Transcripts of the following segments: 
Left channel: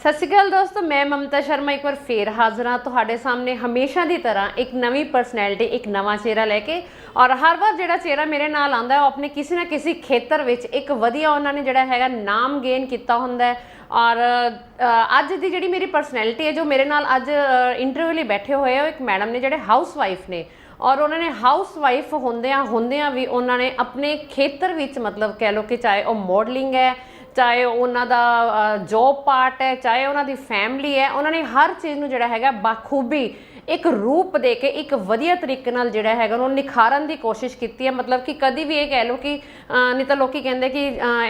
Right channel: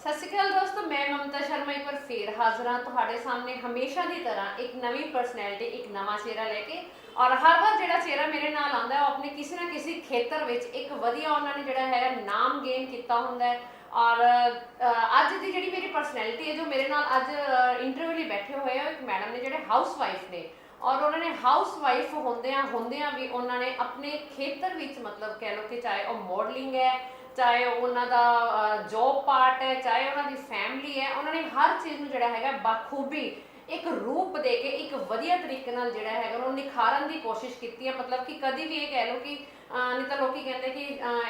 सत श्री अकाल दोस्तों, मैं ममता शर्मा एक बार फिर हाजिर हाँ तुहाडे सामने हमेशा की तरह एक नवी परसनैलिटी एक नवा चेहरा लैके। और हर बार जो चेहरा मेरे नाल आंदा है अपने किसी ना किसी खेतर विच एक वधिया उन्होंने जोड़ा है नाम गेन किया होंदा है। और अज की जी मेरी परसनैलिटी है जो मेरे नाल अज इंटरव्यू लिए बैठे हुए हैं, एक मैडम ने जोड़े हाउस वाइफ ने। और उन्होंने हाउस वाइफ होंदियां भी उन्होंने अपने खेतर विच मतलब कह लो कि चाहे वह मॉडलिंग है, चाहे उन्हों का जॉब पार्ट है, चाहे उन्होंने फैमिली है, उन्होंने हर चीज़ में जोड़ा है बखूबी एक रूप दे के एक वधिया तरीके नाल जोड़ा है उन्होंने निखारन की कोशिश की है। मतलब कि कभी भी ये कह लो कि नहीं तो लोग कहते कि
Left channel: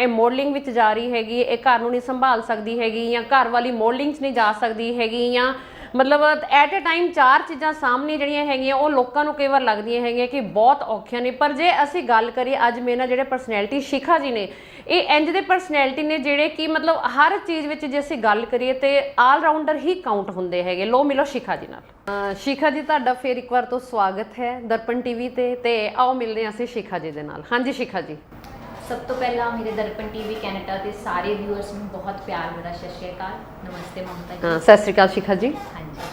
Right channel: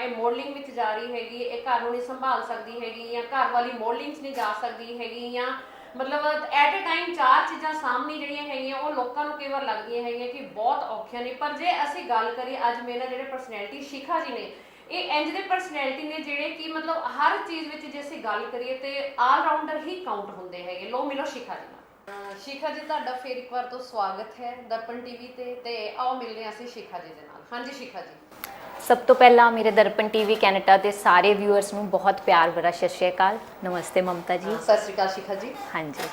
ये मॉडलिंग विच जा रही हैगी, ये घर नहीं संभाल सकती हैगी, या घर वाली मॉडलिंग नहीं जा सकती हैगी, या मतलब एट ए टाइम चार चीज़ां सामने जड़ियाँ हैगियां वो लोगों को कई बार लगदियां हैगियां कि बहुत औखियां ने। पर जे असी गल करिए अज मेरे नाल जिहड़े परसनैलिटी शिखा जी ने, ये इंज दे परसनैलिटी ने जिहड़े कि मतलब हर चीज़ विच जे असी गल करिए तो आल राउंडर ही काउंट होंदे हैगे। लो मिलो शिखा जी नाल। शिखा जी तुहाडा फिर एक बार तो स्वागत है दर्पण टीवी ते आओ मिलते हैं असीं शिखा जी दे नाल। हाँ जी शिखा जी। सब तो पहला मेरे दर्पण टीवी कैनेडा के सारे व्यूअर्स ਨੂੰ बहुत प्यार भरा सत श्री अकाल। नमस्ते ममता जी। सत श्री अकाल शिखा जी। हाँ जी।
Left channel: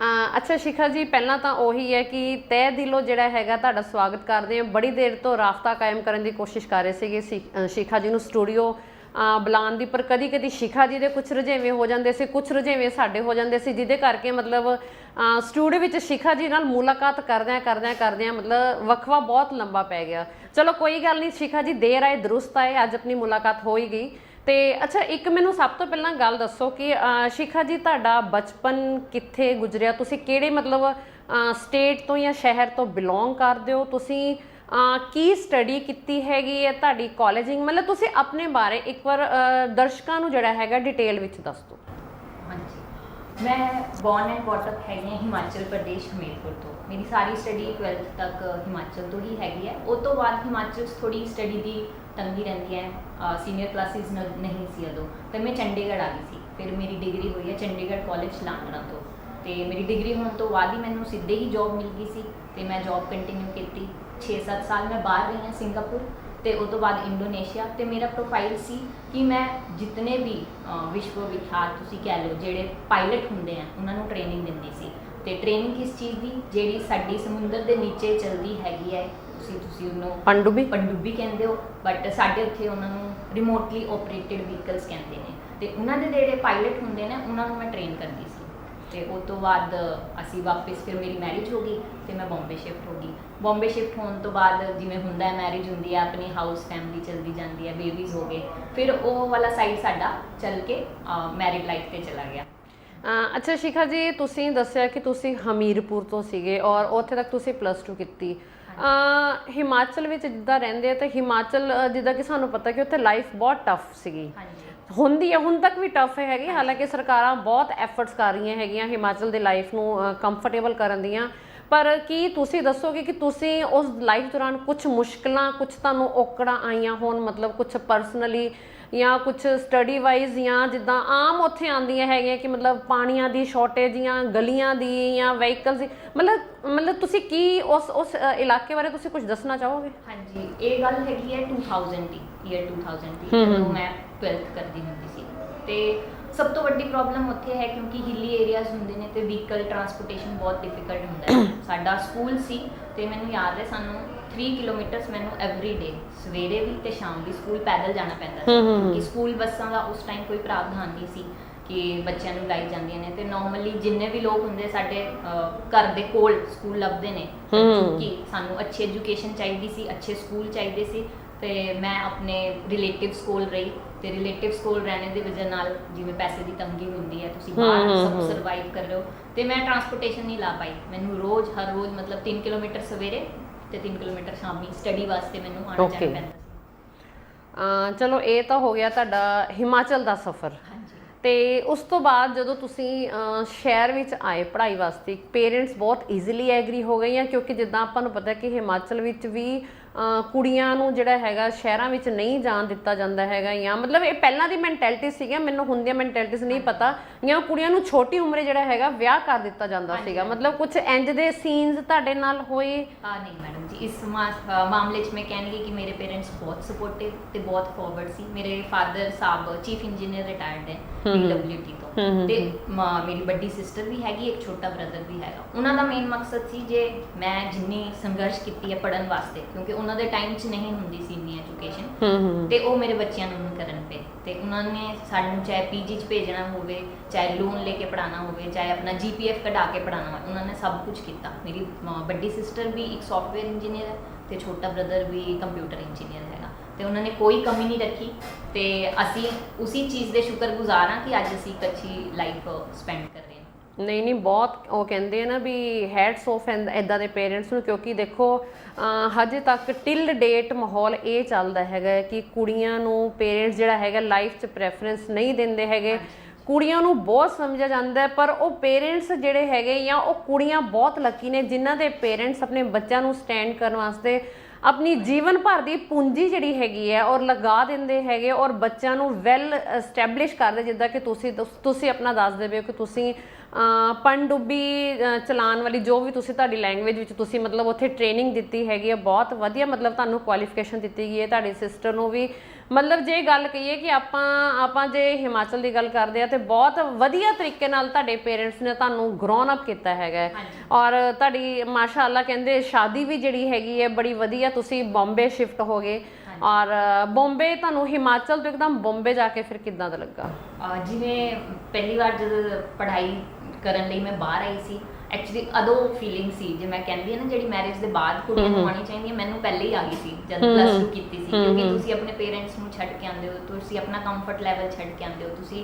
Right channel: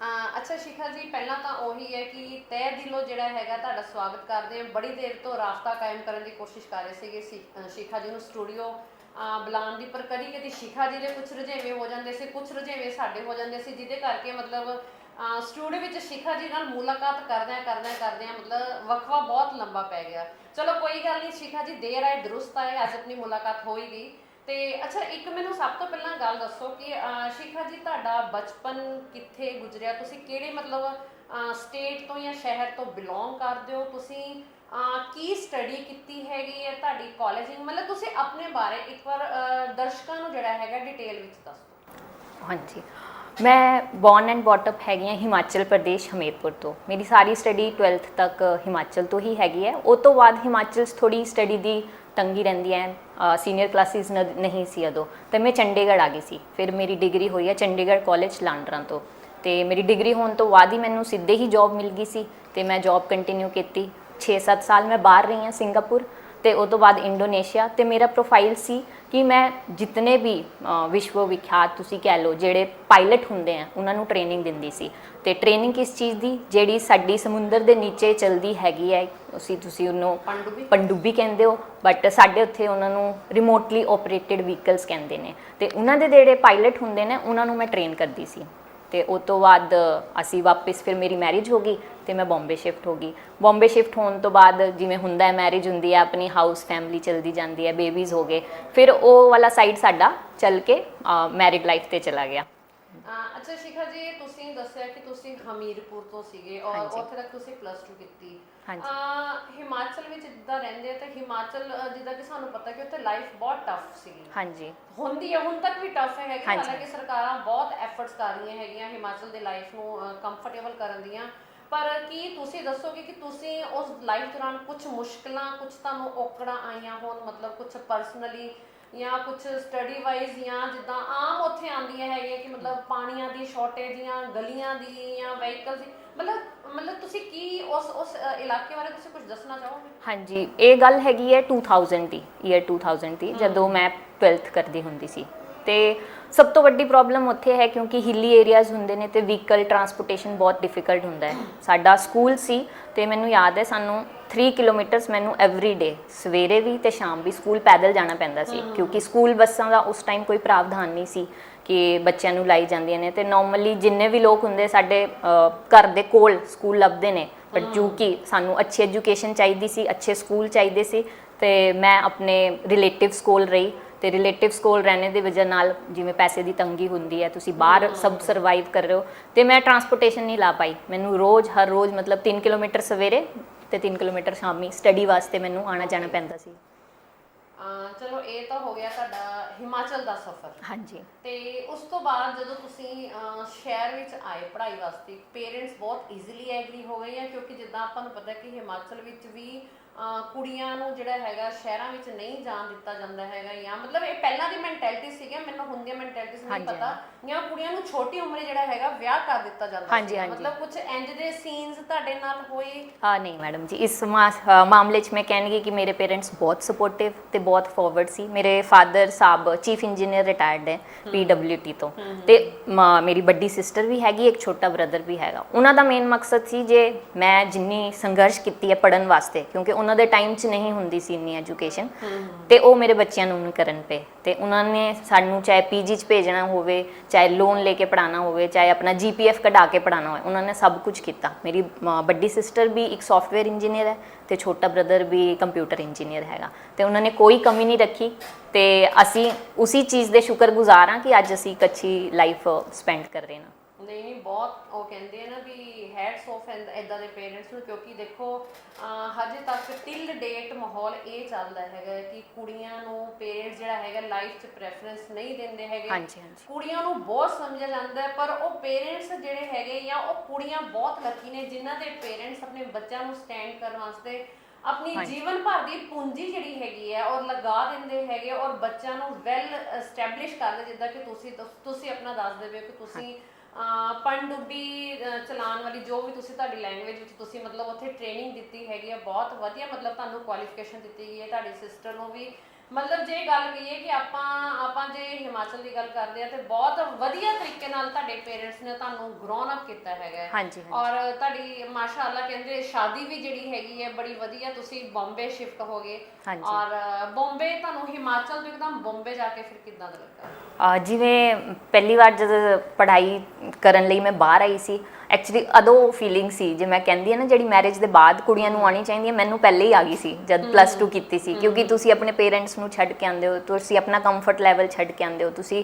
अच्छा शिखा जी, पहला तो उही है कि तय दिलों जिहड़ा हैगा तुहाडा स्वागत करते हैं। बड़ी देर तो राबता कायम करने की कोशिश कर रहे थे शिखा जी नूं स्टूडियो बुलाउण दी, पर कदी कदी शिखा जी दे कुछ रुझेवें हो जाते सी, कुछ रुझेवें साडे हो जाते सी, जिहदे करके मतलब स्टूडियो विच शिखा जी नाल मुलाकात करदियां मतलब वक्फा बहुत लंबा पै गया। चलो कोई गल नहीं शिखा जी, देर आए दुरुस्त आए, अज अपनी मुलाकात हो ही गई। तो अच्छा एक मैनू सब तो पहला गल दसो कि शिखा जी तुहाडा बचपन कित्थे गुजरिया, तुसी किहड़े मतलब स्टेट तो या शहर तो बिलोंग करदे हो, तुसी की स्टडी की हैगी है, तुहाडी कॉलेजिंग मतलब तुसी अपने बारे एक बार दर्शकों नूं जिहड़ा हैगा डिटेल विच दस दो। हाँ जी, मैं बॉर्न एंड बॉटअप हैगी हिमाचल प्रदेश हमीरपुर तो। मेरी सारी स्टडी 12th तक हिमाचल तो ही हैगी है। उस तो बाद हिमाचल थोड़ी स्टडी की तंगी रहिंदी है, सीनियर क्लासिस नहीं सी उदों, तो मैं चंडीगढ़ आ गई सी। फिर मेरी डिग्री हुई है चंडीगढ़ कॉलेज लांडरा तो। मेरी डिग्री होने तो बाद ही मैनू सीधे ही जॉब मिल गई सी, तो मैं जॉब कंटिन्यू की। 6-7 साल मैं बाहर रही हाँ सिंगापुर, तो उस तो बाद इंडोनेशिया। तो मेरा प्रोफाइल सी कि मैं जितने भी विश्व विख्यात तुसी कह लो जेड़े पायलट होंदे हैं उन्होंने ट्रेनिंग दिंदी सी। ते ट्रेनिंग किस चीज़ की, जेड़ी साडी समुंदर के नीचे चलती हैगी है, तुसी उन्होंने पनडुब्बी कहते हो, बट साडे उत्थे उन्होंने रिमोटली ऑपरेटिड व्हीकल्स कहते हैं। तो उन्होंने जेड़े पायलट होंदे ने उन्होंने मैं ट्रेन करती सी। तो उस तो बाद असी वापस फिर मेरी मैरिज हो गई तो मैं बॉम्बे शिफ्ट हो गई। बॉम्बे शिफ्ट होने तो बाद जिमें हुंदा है मैरिज हुंदी है, अपनी हाउस फैमिली चलती जाती है, बेबीज़ हो गए, फिर वो वाला साइड साडा चल के मैरिड लाइफ ते चला गया। अच्छा शिखा जी, तुसीं दस्सिया कि तुसीं हमीरपुर तो सीगे और उत्थे तक तुसीं +2 की। हिमाचल विच जिद्दां रहिंदे तो हिमाचल जिद्दां कि सानूं पता कि उत्थे लाइफ बहुत टफ सीगी। हाँ जी, हुंदी है, हुण तक भी टफ हैगी। हाँ हालांकि सरकारां बहुत एफर्ट्स कर रही हैगियां हिमाचल दी लाइफ नूं कंफर्टेबल करन दियां, पर की तुसीं दसोगे कि तुसीं उस लाइफ दौरान कुछ मुश्किलां, कुछ तुहानूं औकड़ां आईयां होण, मतलब कुछ पर्सनली या कुछ स्टडी वाइज, या जिद्दां आम उत्थे आंदियां हैगियां कि मतलब पानियां दी शॉर्टेज या गलियां दी या व्हीकल्स दी, मतलब तुसीं की उस इलाके बारे तुसीं कुछ दसना चाहोगे? हाँ जी, ये गल हैगी है 2000 की, ईयर 2000 की, जदों मैं 12th करती हुंदी सी। ते सब तो वड्डी प्रॉब्लम उत्थे है क्योंकि हिली एरियाज़ होंदे ने ते व्हीकल ट्रांसपोर्टेशन बहुत डिफिकल्ट होंदा है। साडा स्कूल सी ते मैनू याद है सानू 3 किलोमीटर्स मैनू एवरी डे सवेरे भी ते शाम भी स्कूल पैदल जाना पैंदा सी, क्योंकि स्कूल बसां दा उस टाइम कोई प्रावधान नहीं सी कि बच्चों नूं लाई जांदियां ने। ते नॉर्मली जिन्ने भी लोग होंदे साडे घर दे कोल स्कूल लभदे ने, क्योंकि सानू अच्छी एजुकेशन चाहिदी सी, अच्छे स्कूल चाहिए सी। ते मैं अपने रिलेटिव्स कोल रही, तो रिलेटिव्स कोल रहने की वजह नाल जिवें पैसे की तंगी होंदी है, तुसीं बाहर सब सर्वाइव कर रहे हो, तो मैं ट्रांसपोर्टेशन नहीं ला पाई। मैनू रोज़ हर रोज़ मतलब 3 किलोमीटर सवेरे तो 3 किलोमीटर शामी स्टडी वास्ते मैनू आना जाना पैंदा सी। चलो ये तो हो गया तुहाडा हिमाचल का सफ़र। हाँ जी। तो उस तो बाद जो तुसीं शहर विच आए पढ़ाई वास्ते, पेरेंट्स बहुत ईजीली एग्री हो गए हैं, क्योंकि जिद्दां आपां नूं पता है कि हिमाचल विच भी ਕੁੜੀਆਂ ਨੂੰ ਜਿਹੜਾ ਹੈਗਾ ਸ਼ਹਿਰਾਂ ਵਿੱਚ ਨਹੀਂ ਜਾਣ ਦਿੱਤਾ ਜਾਂਦਾ ਹੈਗਾ, ਜਾਂ ਮਤਲਬ ਇਹ ਪਹਿਲਾਂ ਦੀ ਮੈਂਟੈਲਿਟੀ ਸੀਗੀ, ਮੈਨੂੰ ਹੁਣ ਦੀਆਂ ਮੈਂਟੈਲਿਟੀਜ਼ ਨਹੀਂ ਪਤਾ, ਜਾਂ ਕੁੜੀਆਂ ਨੂੰ ਛੋਟੀ ਉਮਰੇ ਜਿਹੜਾ ਹੈਗਾ ਵਿਆਹ ਕਰ ਦਿੱਤਾ ਜਾਂਦਾ ਸੀਗਾ, ਮਤਲਬ ਕੁਝ ਇੰਜ ਦੇ ਸੀਨਸ ਤੁਹਾਡੇ ਨਾਲ ਹੋਏ? ਨਹੀਂ ਮੈਡਮ ਜੀ, ਇਸ ਮਾਮਲੇ 'ਚ ਮੈਂ ਕਹਿਣਗੀ ਕਿ ਮੇਰੇ ਪੇਰੈਂਟਸ ਬਹੁਤ ਸਪੋਰਟਿਵ ਤੇ ਬਹੁਤ ਫਾਰਵਰਡ ਸੀ। ਮੇਰੇ ਫਾਦਰ ਸਾਹਿਬ ਚੀਫ ਇੰਜੀਨੀਅਰ ਰਿਟਾਇਰਡ ਹੈ PWT ਤੋਂ, ਤੇ ਮੇਰੀ ਵੱਡੀ ਸਿਸਟਰ ਵੀ ਹੈਗੀ, ਇੱਕ ਛੋਟਾ ਬ੍ਰਦਰ ਵੀ ਹੈਗਾ। ਉਹਨਾਂ ਦਾ ਮੇਨ ਮਕਸਦ ਸੀ ਜੇ ਮੈਂ ਜਿੰਨੀ ਸੰਘਰਸ਼ ਕੀਤੀ ਹੈ ਪੜ੍ਹਨ ਵਾਸਤੇ, ਕਿਉਂਕਿ ਉਹਨਾਂ ਦੇ ਟਾਈਮ 'ਚ ਨਹੀਂ ਹੁੰਦੀ ਸੀ ਇੰਨੀ ਐਜੂਕੇਸ਼ਨ, ਤੇ ਉਹ ਮੇਰੇ ਬੱਚਿਆਂ ਨੂੰ ਕਰਨ ਪਏ, ਤੇ ਉਹਨਾਂ ਨੇ ਸਾਨੂੰ ਚਾਹੇ PG 'ਚ ਭੇਜਣਾ ਹੋਵੇ, ਚਾਹੇ ਲੋਨ ਲੈ ਕੇ ਪੜ੍ਹਾਉਣਾ ਹੋਵੇ, ਚਾਹੇ ਆਪਣਾ GPF ਕਢਾ ਕੇ ਪੜ੍ਹਾਉਣਾ ਹੋਵੇ, ਉਹਨਾਂ ਨੇ ਸਭ ਕੁਝ ਕੀਤਾ। ਮੇਰੀ ਵੱਡੀ ਸਿਸਟਰ ਵੀ ਇੱਕ ਸੌਫਟਵੇਅਰ ਇੰਜੀਨੀਅਰ ਹੈ ਤੇ ਛੋਟਾ ਬ੍ਰਦਰ ਵੀ ਕੰਪਿਊਟਰ ਇੰਜੀਨੀਅਰ ਹੈਗਾ, ਤੇ ਉਹਨਾਂ ਨੇ ਕੋਈ ਕਮੀ ਨਹੀਂ ਰੱਖੀ, ਤੇ ਅਸੀਂ ਉਸੇ ਚੀਜ਼ ਦੇ ਸ਼ੁਕਰਗੁਜ਼ਾਰ ਹਾਂ ਕਿ ਅੱਜ ਅਸੀਂ ਇੱਕ ਅੱਛੀ ਲਾਈਫ ਸਪੈਂਡ ਕਰ ਰਹੇ ਹਾਂ। ਨਹੀਂ ਬਹੁਤ ਉਹ ਕਹਿੰਦੇ ਆ ਨਾ ਵੀ ਹੈਡਸ ਆਫ ਇਦਾਂ ਦੇ ਪੇਰੈਂਟਸ ਨੂੰ, ਕਿਉਂਕਿ ਦੇਖੋ ਹਜੇ ਤੱਕ ਟਿਲ ਡੇਟ ਮਾਹੌਲ ਇਹ ਚੱਲਦਾ ਹੈਗਾ ਕਿ ਕੁੜੀਆਂ ਨੂੰ ਪੇਰੈਂਟਸ ਜਿਹੜਾ ਹੈਗਾ ਲਾਈਫ 'ਚ ਪ੍ਰੈਫਰੈਂਸ ਨਹੀਂ ਦਿੰਦੇ ਹੈਗੇ, ਕੁੜੀਆਂ ਨੂੰ ਬਹੁਤ ਸਮਝਿਆ ਜਾਂਦਾ ਹੈ, ਪਰ ਉਹ ਪੇਰੈਂਟਸ ਜਿਹੜੇ ਹੈਗੇ ਜਾਂ ਉਹ ਕੁੜੀਆਂ ਬਹੁਤ ਲੱਕੀ ਨੇ ਜਿਨ੍ਹਾਂ ਦੇ ਪੇਰੈਂਟਸ ਆਪਣੇ ਬੱਚਿਆਂ ਨੂੰ ਸਟੈਂਡ ਕਰਨ ਵਾਸਤੇ ਆਪਣੀ ਜੀਵਨ ਭਰ ਦੀ ਪੂੰਜੀ ਜਿਹੜੀ ਹੈਗੀ ਹੈ ਔਰ ਲਗਾ ਦਿੰਦੇ ਹੈਗੇ, ਔਰ ਬੱਚਿਆਂ ਨੂੰ ਵੈਲ ਐਸਟੈਬਲਿਸ਼ ਕਰਦੇ, ਜਿੱਦਾਂ ਕਿ ਤੁਸੀਂ ਆਪਣਾ ਦੱਸਦੇ ਪਏ ਹੋ ਕਿ ਤੁਸੀਂ ਪਣਡੁੱਬੀ ਚਲਾਉਣ ਵਾਲੀ ਜੋ ਵੀ ਤੁਸੀਂ ਤੁਹਾਡੀ ਲੈਂਗੁਏਜ ਵਿੱਚ ਤੁਸੀਂ ਮਤਲਬ ਉੱਥੇ ਟ੍ਰੇਨਿੰਗ ਦਿੱਤੀ ਹੈਗੀ ਹੈ, ਬਹੁਤ ਵਧੀਆ ਮਤਲਬ ਤੁਹਾਨੂੰ ਕੁਆਲੀਫਿਕੇਸ਼ਨ ਦਿੱਤੀ ਗਈ ਹੈ। ਤੁਹਾਡੀ ਸਿਸਟਰ ਨੂੰ ਵੀ ਮਤਲਬ ਜੇ ਗੱਲ ਕਹੀਏ ਕਿ ਆਪਾਂ ਜੇ ਹਿਮਾਚਲ ਦੀ ਗੱਲ ਕਰਦੇ ਆ ਤੇ ਬਹੁਤ ਵਧੀਆ ਤਰੀਕੇ ਨਾਲ ਤੁਹਾਡੇ ਪੇਰੈਂਟਸ ਨੇ ਤੁਹਾਨੂੰ ਗਰੋਨ ਅਪ ਕੀਤਾ ਹੈਗਾ, ਔਰ ਤੁਹਾਡੀ ਮਾਸ਼ਾਅੱਲਾ ਕਹਿੰਦੇ ਸ਼ਾਦੀ ਵੀ ਜਿਹੜੀ ਹੈਗੀ ਹੈ ਬੜੀ ਵਧੀਆ, ਤੁਸੀਂ ਬੰਬੇ ਸ਼ਿਫਟ ਹੋ ਗਏ, ਔਰ ਬੰਬੇ ਤੁਹਾਨੂੰ ਹਿਮਾਚਲ ਤੋਂ ਇੱਕਦਮ ਬੰਬੇ ਜਾ ਕੇ ਫਿਰ ਕਿੱਦਾਂ ਦਾ ਲੱਗਾ? ਜਿਵੇਂ ਪਹਿਲੀ ਵਾਰ ਜਦ ਪੜ੍ਹਾਈ ਕਰਨ ਲਈ ਮੈਂ ਬਾਹਰ ਆਈ ਸੀ, ਐਕਚੁਅਲੀ ਅਦੋਂ ਫੀਲਿੰਗ ਸੀ ਜੇ ਮੈਂ ਕਹਿੰਦੀ ਹਾਂ ਨਾ ਜਿਹੜੀ ਮੈਰਿਜ ਦੇ ਬਾਅਦ ਕੁੜੀਆਂ ਨੂੰ ਆਉਣੀ ਚਾਹੀਦੀ ਹੈ, ਮੈਨੂੰ ਪਹਿਲੇ ਹੀ ਆ ਗਈ ਸੀ ਜਦ +2 ਕੀਤੀ ਸੀ, ਕਿਉਂਕਿ ਤੁਸੀਂ ਆਪਣੇ ਪੇਰੈਂਟਸ ਨੂੰ ਛੱਡ ਕੇ ਆਉਂਦੇ ਹੋ, ਤੁਸੀਂ ਆਪਣਾ ਕੰਫਰਟ ਲੈਵਲ ਛੱਡ ਕੇ ਆਉਂਦੇ ਹੋ, ਤੁਸੀਂ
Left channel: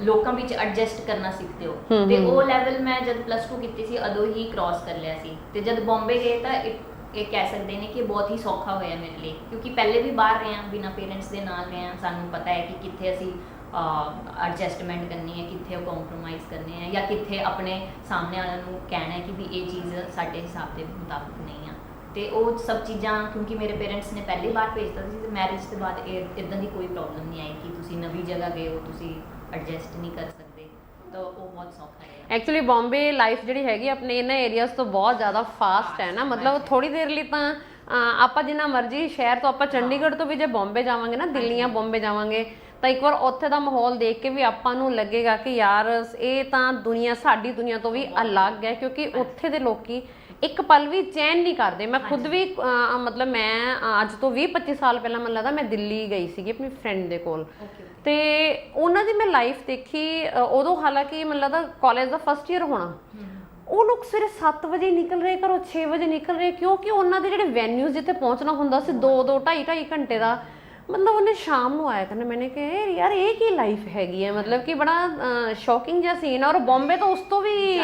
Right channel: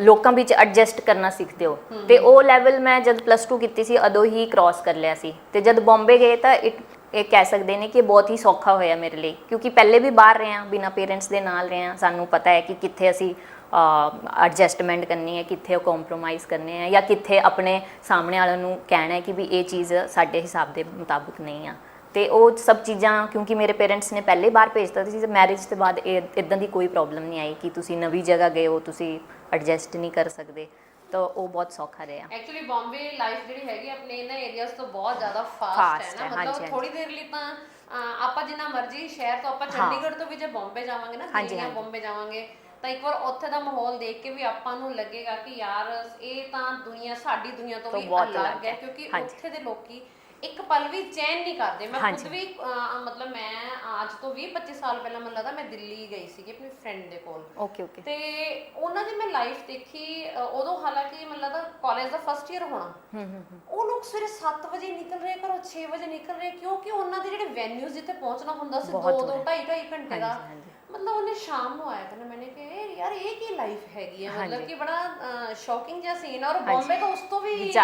ਲੋਕਾਂ ਵਿੱਚ ਐਡਜਸਟ ਕਰਨਾ ਸਿੱਖਦੇ ਹੋ, ਤੇ ਉਹ ਲੈਵਲ ਮੈਂ ਜਦ +2 ਕੀਤੀ ਸੀ ਅਦੋਂ ਹੀ ਕ੍ਰਾਸ ਕਰ ਲਿਆ ਸੀ। ਤੇ ਜਦ ਬੰਬੇ ਗਏ ਤਾਂ ਇਹ ਕਹਿ ਸਕਦੇ ਨੇ ਕਿ ਬਹੁਤ ਹੀ ਸੌਖਾ ਹੋਇਆ ਮੇਰੇ ਲਈ, ਕਿਉਂਕਿ ਪਹਿਲੇ ਵੀ ਬਾਹਰ ਰਹੇ ਹਾਂ, ਬਿਨਾਂ ਪੇਰੈਂਟਸ ਦੇ ਨਾਲ ਰਹੇ ਹਾਂ, ਸਾਨੂੰ ਪਤਾ ਹੈ ਕਿ ਕਿੱਥੇ ਅਸੀਂ ਐਡਜਸਟਮੈਂਟ ਕਰਨੀ ਹੈ, ਕਿੱਥੇ ਕੰਪਰੋਮਾਈਜ਼ ਕਰਨੇ ਹੈ, ਜਾਂ ਕਿੱਥੇ ਆਪਣੇ ਸਾਹਮਣੇ ਵਾਲਿਆਂ ਨੂੰ ਕਹਿਣਾ ਹੈ ਕਿ ਵੀ ਇਹ ਚੀਜ਼ ਸਾਡੇ ਹਿਸਾਬ ਦੇ ਮੁਤਾਬਿਕ ਨਹੀਂ ਆ। ਤੇ ਉਹ ਸਭ ਚੀਜ਼ਾਂ ਕਿਉਂਕਿ ਮੇਰੇ ਪੇਰੈਂਟਸ ਨੇ ਪਹਿਲੇ ਬਾਹਰ ਭੇਜਤਾ ਸੀ, ਮੈਰਿਜ ਤੋਂ ਬਾਅਦ ਇਦਾਂ ਦੀ ਕੋਈ ਪ੍ਰੋਬਲਮ ਨਹੀਂ ਆਈ ਕਿ ਤੁਸੀਂ ਨਵੀਂ ਜਗ੍ਹਾ ਗਏ ਹੋ ਤੁਸੀਂ ਐਡਜਸਟ ਨਹੀਂ ਕਰ ਸਕਦੇ, ਤਾਂ ਉਹ ਬਹੁਤ ਸੌਖਾ ਰਿਹਾ। ਐਕਚੁਅਲੀ ਬੰਬੇ ਲਾਈਫ ਜਿਹੜੀ ਹੈਗੀ ਆਪਣੇ ਇਹਨਾਂ ਏਰੀਆਜ਼ ਤੋਂ ਬਹੁਤ ਜ਼ਿਆਦਾ ਫਾਸਟ ਹੈ ਨਾ, ਮਤਲਬ ਥੋੜੀ ਦੇਰ ਲਈ ਤਾਂ ਆਪਾਂ ਜਿੰਨਾ ਮਰਜ਼ੀ ਸ਼ਹਿਰ ਤੋਂ ਆਪਾਂ ਚੰਡੀਗੜ੍ਹ ਤੋਂ ਵੀ ਜੇ ਬੰਬੇ ਜਾਵਾਂਗੇ ਨਾ, ਦਿੱਲੀ ਜਾਂ ਬੰਬੇ ਜਾਵਾਂਗੇ, ਤਾਂ ਇੱਕ ਵਾਰ ਉੱਥੇ ਦਾ ਮਾਹੌਲ ਦੇਖ ਕੇ ਵੀ ਆਪਾਂ ਨੂੰ ਲੱਗੇਗਾ ਕਿ ਯਾਰ ਇਹ ਤਾਂ ਦੁਨੀਆ ਸਾਡੀ ਦੁਨੀਆ ਤੋਂ ਵੀ ਅਲੱਗ ਹੈ, ਕਿਉਂਕਿ ਉੱਥੇ ਦੇ ਲੋਕੀ ਇੱਕ ਪਲ ਵੀ ਚੈਨ ਨਹੀਂ ਕਰਦੇ। ਮੈਂ ਖੁਦ ਵੀ ਮਤਲਬ ਮੈਂ ਅੱਜ ਤੋਂ 20-25 ਸਾਲ ਪਹਿਲਾਂ ਮੈਨੂੰ ਲੱਗਦਾ ਮੈਂ ਦਿੱਲੀ ਗਈ ਸੀਗੀ ਆਪਣੀ ਫਰੈਂਡ ਦੇ ਕੋਲ, ਤੇ ਉਹਨਾਂ ਦੀ ਮੈਂ ਲਾਈਫ ਦੇਖੀ ਉਦੋਂ, ਹਾਲਾਂਕਿ ਮੈਨੂੰ ਲੱਗਦਾ ਕਾਲਜ ਦਾ ਫਸਟ ਈਅਰ ਹੋਣਾ, ਉਹ ਲੋਕ ਸਵੇਰੇ 7 ਵਜੇ ਨਿਕਲ ਰਹੇ ਘਰੋਂ, 6 ਵਜੇ ਨਿਕਲ ਰਹੇ, ਕਿਉਂਕਿ ਉਹਨਾਂ ਦੇ ਜਿਹੜੇ ਵੈਨਿਊਜ਼ ਜਿੱਥੇ ਪਹੁੰਚਣਾ ਹੁੰਦਾ ਸੀ 2-2 2.5 ਘੰਟੇ ਦਾ, ਮਤਲਬ ਉਹਨੇ ਸ਼ਾਮ ਨੂੰ ਆਇਆ ਕਰਨਾ। ਮੈंने ਕਿਹਾ ਯਾਰ ਇਹ ਕੀ ਲਾਈਫ ਹੈਗੀ ਹੈ, ਮਤਲਬ ਕਿ ਬੜਾ ਸ਼ੌਕਿੰਗ ਜਿਹਾ ਸੀਨ, ਔਰ ਬੰਬੇ ਤੋਂ ਉਸ ਤੋਂ ਵੀ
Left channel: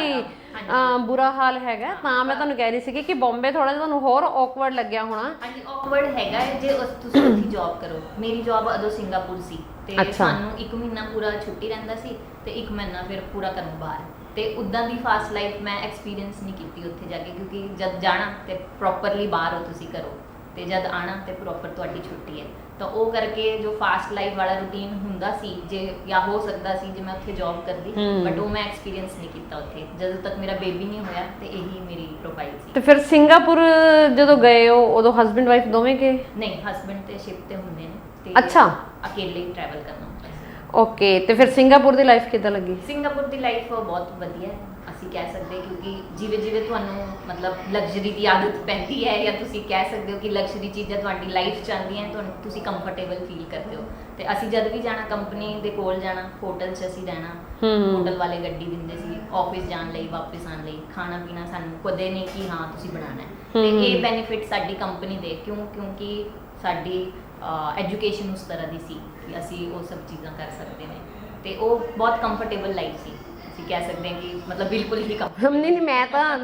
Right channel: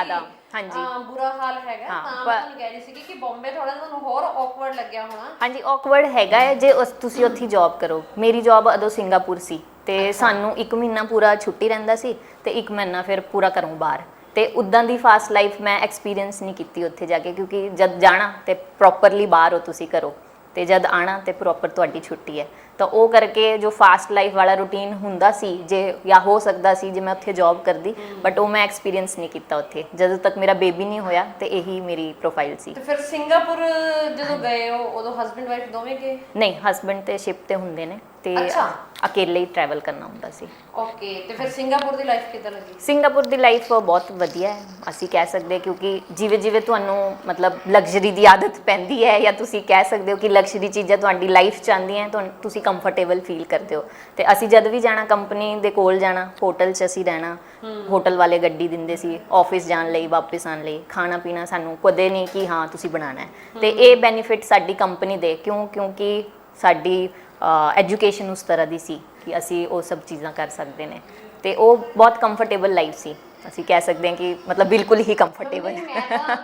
ਬੁਰਾ ਹਾਲ ਹੈਗਾ। ਤਾਂ ਮੈਂ ਤੁਹਾਨੂੰ ਕਹਿ ਰਹੀ ਸੀ ਕਿ ਬੰਬੇ ਥੋੜਾ ਜਿਹਾ ਤੁਹਾਨੂੰ ਹੋਰ ਔਕਵਰਡ ਲੱਗਿਆ ਹੋਣਾ। ਹਾਂਜੀ, ਔਕਵਰਡ ਹੈਗਾ ਹੈ ਜੇ ਤੁਸੀਂ ਉੱਥੇ ਜੌਬ ਕਰੋ। ਮੇਰੀ ਜੌਬ ਅਦੋਂ ਸਿੰਗਾਪੁਰ ਸੀ, ਤੇ ਸਾਨੂੰ 1 ਮਹੀਨਾ ਪੂਰਾ ਛੁੱਟੀ ਰਹਿੰਦਾ ਸੀ, ਤੇ 1 ਮਹੀਨਾ ਫਿਰ ਪੂਰਾ ਘਰੋਂ ਬਾਹਰ, ਤੇ ਉਦਾਂ ਦੀ ਫਾਸਟ ਲਾਈਫ ਮੈਂ ਐਕਸਪੀਰੀਅੰਸ ਨਹੀਂ ਕੀਤੀ ਉੱਥੇ ਜਾ ਕੇ, ਕਿਉਂਕਿ ਜਦ ਜਾਣਾ ਤੇ ਪ੍ਰੋਪਰਲੀ ਬਾਹਰ ਹੋ ਤੁਸੀਂ ਕਰੋ, ਤੇ ਜਦ ਆਣਾ ਤੇ ਪ੍ਰੋਪਰ ਤੁਹਾਡੀ ਛੁੱਟੀ ਹੈ, ਤਾਂ ਉਹ ਕਰਕੇ ਜੋ ਫਾਸਟ ਲਾਈਫ ਵਾਲਾ ਰੂਟੀਨ ਹੁੰਦਾ ਸੀ ਜੇ ਜਾਂ ਹੋ ਸਕਦਾ ਸੀ ਜੇ ਮੈਂ ਉੱਥੇ ਜੌਬ ਕਰਦੀ, ਬਟ ਉਹ ਮੈਂ ਐਕਸਪੀਰੀਅੰਸ ਨਹੀਂ ਕੀਤਾ ਉੱਥੇ ਜਦੋਂ ਤੱਕ ਮੇਰਾ ਬੇਬੀ ਨਹੀਂ ਹੋਇਆ, ਤੇ ਇਹੀ ਮੇਰੀ ਪ੍ਰੋਫਾਈਲ ਸੀ। ਤੇ ਫਿਰ ਸਿੰਗਾਪੁਰ ਜਦੋਂ ਗਏ ਹੋ ਉਦੋਂ ਹਸਬੈਂਡ ਵਾਈਫ ਦੋਵੇਂ ਗਏ? ਨਹੀਂ, ਹਸਬੈਂਡ ਤੇ ਸ਼ਿਪ ਤੇ ਹੁੰਦੇ ਨੇ, ਤੇ ਅਕੇਲੇ ਹੀ ਟਰੈਵਲ ਕਰਨਾ ਹੁੰਦਾ ਸੀ। ਓਕੇ, ਤੇ ਫਿਰ ਸਿੰਗਾਪੁਰ ਦੀ ਲਾਈਫ ਕਿੱਦਾਂ ਲੱਗੀ? ਸਿੰਗਾਪੁਰ ਦੀ ਲਾਈਫ ਬਹੁਤ ਵਧੀਆ ਹੈ, ਅਸੀਂ ਕਹਿ ਸਕਦੇ, ਕਿਉਂਕਿ ਜਿਵੇਂ ਜਿਵੇਂ ਤੁਹਾਨੂੰ ਮਤਲਬ ਲਗਜ਼ਰੀ ਦੀ ਆਦਤ ਪੈਂਦੀ ਹੈ, ਜਾਂ ਤੁਸੀਂ ਕਹਿ ਸਕਦੇ ਹੋ ਕਿ ਲਗਜ਼ਰੀ ਚੀਜ਼ਾਂ ਤੁਹਾਡੀ ਲਾਈਫ 'ਚ ਆਉਂਦੀਆਂ, ਤੁਸੀਂ ਕੰਫਰਟੇਬਲ ਫੀਲ ਕਰਦੇ ਹੋ। ਤੇ ਅਸੀਂ ਜਦ ਵੀ ਜਾਣਾ ਕੰਪਨੀ ਦੇ ਕੋਲ ਜਾਣਾ, ਹੋਟਲ 'ਚ ਅਸੀਂ ਰਹਿਣਾ, ਹੋਟਲ ਵਾਲੇ ਗੱਡੀ ਦਿੰਦੇ ਸੀ ਆਫਿਸ ਜਾਣ ਲਈ, ਵਾਪਸ ਆਉਣ ਲਈ, ਖਾਣਾ ਪੀਣਾ ਸਾਨੂੰ ਕਦੇ ਨਹੀਂ ਕਿ ਹਾਂ ਤੁਸੀਂ ਬਣਾਉਣਾ ਹੈ। ਤੇ ਇਹ ਬੈਨੀਫਿਟ ਸਾਡੀ ਕੰਪਨੀ ਦੇ ਕਿਉਂਕਿ ਸਾਡੀ ਐਜੂਕੇਸ਼ਨ ਉਸ ਤਰ੍ਹਾਂ ਦੀ ਸੀ ਕਿ ਅਸੀਂ ਉਹ ਸਭ ਚੀਜ਼ਾਂ ਕਰ ਸਕਦੇ ਨੇ, ਤੇ ਉਹ ਬਹੁਤ ਕੰਫਰਟੇਬਲ ਲਾਈਫ ਸੀ, ਅਸੀਂ ਕਹਿ ਸਕਦੇ ਹਾਂ ਕਿ ਮਤਲਬ ਬਿਲਕੁਲ ਹੀ ਕੰਫਰਟੇਬਲ। ਨਹੀਂ,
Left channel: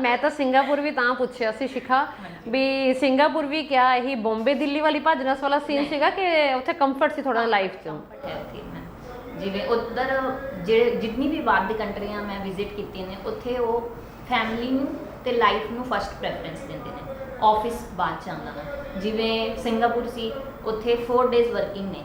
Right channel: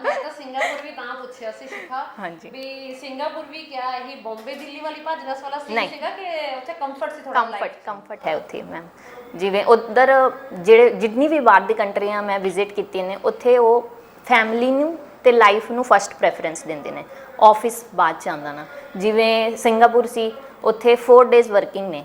ਮੈਂ ਤਾਂ ਸਿੰਗਾਪੁਰ ਵੀ ਤਾਂ ਪੁੱਛਿਆ ਸੀ ਸ਼ਿਖਾ ਵੀ ਸਿੰਗਾਪੁਰ ਵੀ ਕਿਆ ਇਹੀ ਬੰਬੇ ਦਿੱਲੀ ਵਾਲੀ ਭੱਜਣਸ ਵਾਲਾ ਸੀਨ ਸੀਗਾ ਕਿ ਉੱਥੇ ਕੰਫਰਟ ਸੀ ਥੋੜਾ? ਲਾਈਫ ਕੰਫਰਟ ਹੈ ਉੱਥੇ ਮੈਮ, ਜਿਵੇਂ ਉਧਰ ਜਿੰਨੀ ਵੀ ਬਾਹਰ ਦੀ ਕੰਟਰੀਆਂ ਮੈਂ ਵਿਜ਼ਿਟ ਕੀਤੀਆਂ ਨੇ, ਉੱਥੇ ਉਹ ਫੈਮਿਲੀ ਨੂੰ ਤੇ ਲਾਈਫ ਨੂੰ ਫਸਟ ਪ੍ਰੈਫਰੈਂਸ ਦਿੰਦੇ ਨੇ, ਆਫਿਸ ਬਾਅਦ ਚ ਆਉਂਦਾ ਨਾ। ਜਿਵੇਂ ਸਿੰਗਾਪੁਰ ਸੀ, ਉੱਥੇ 4 ਡੇਜ਼ ਵਰਕਿੰਗ ਨੇ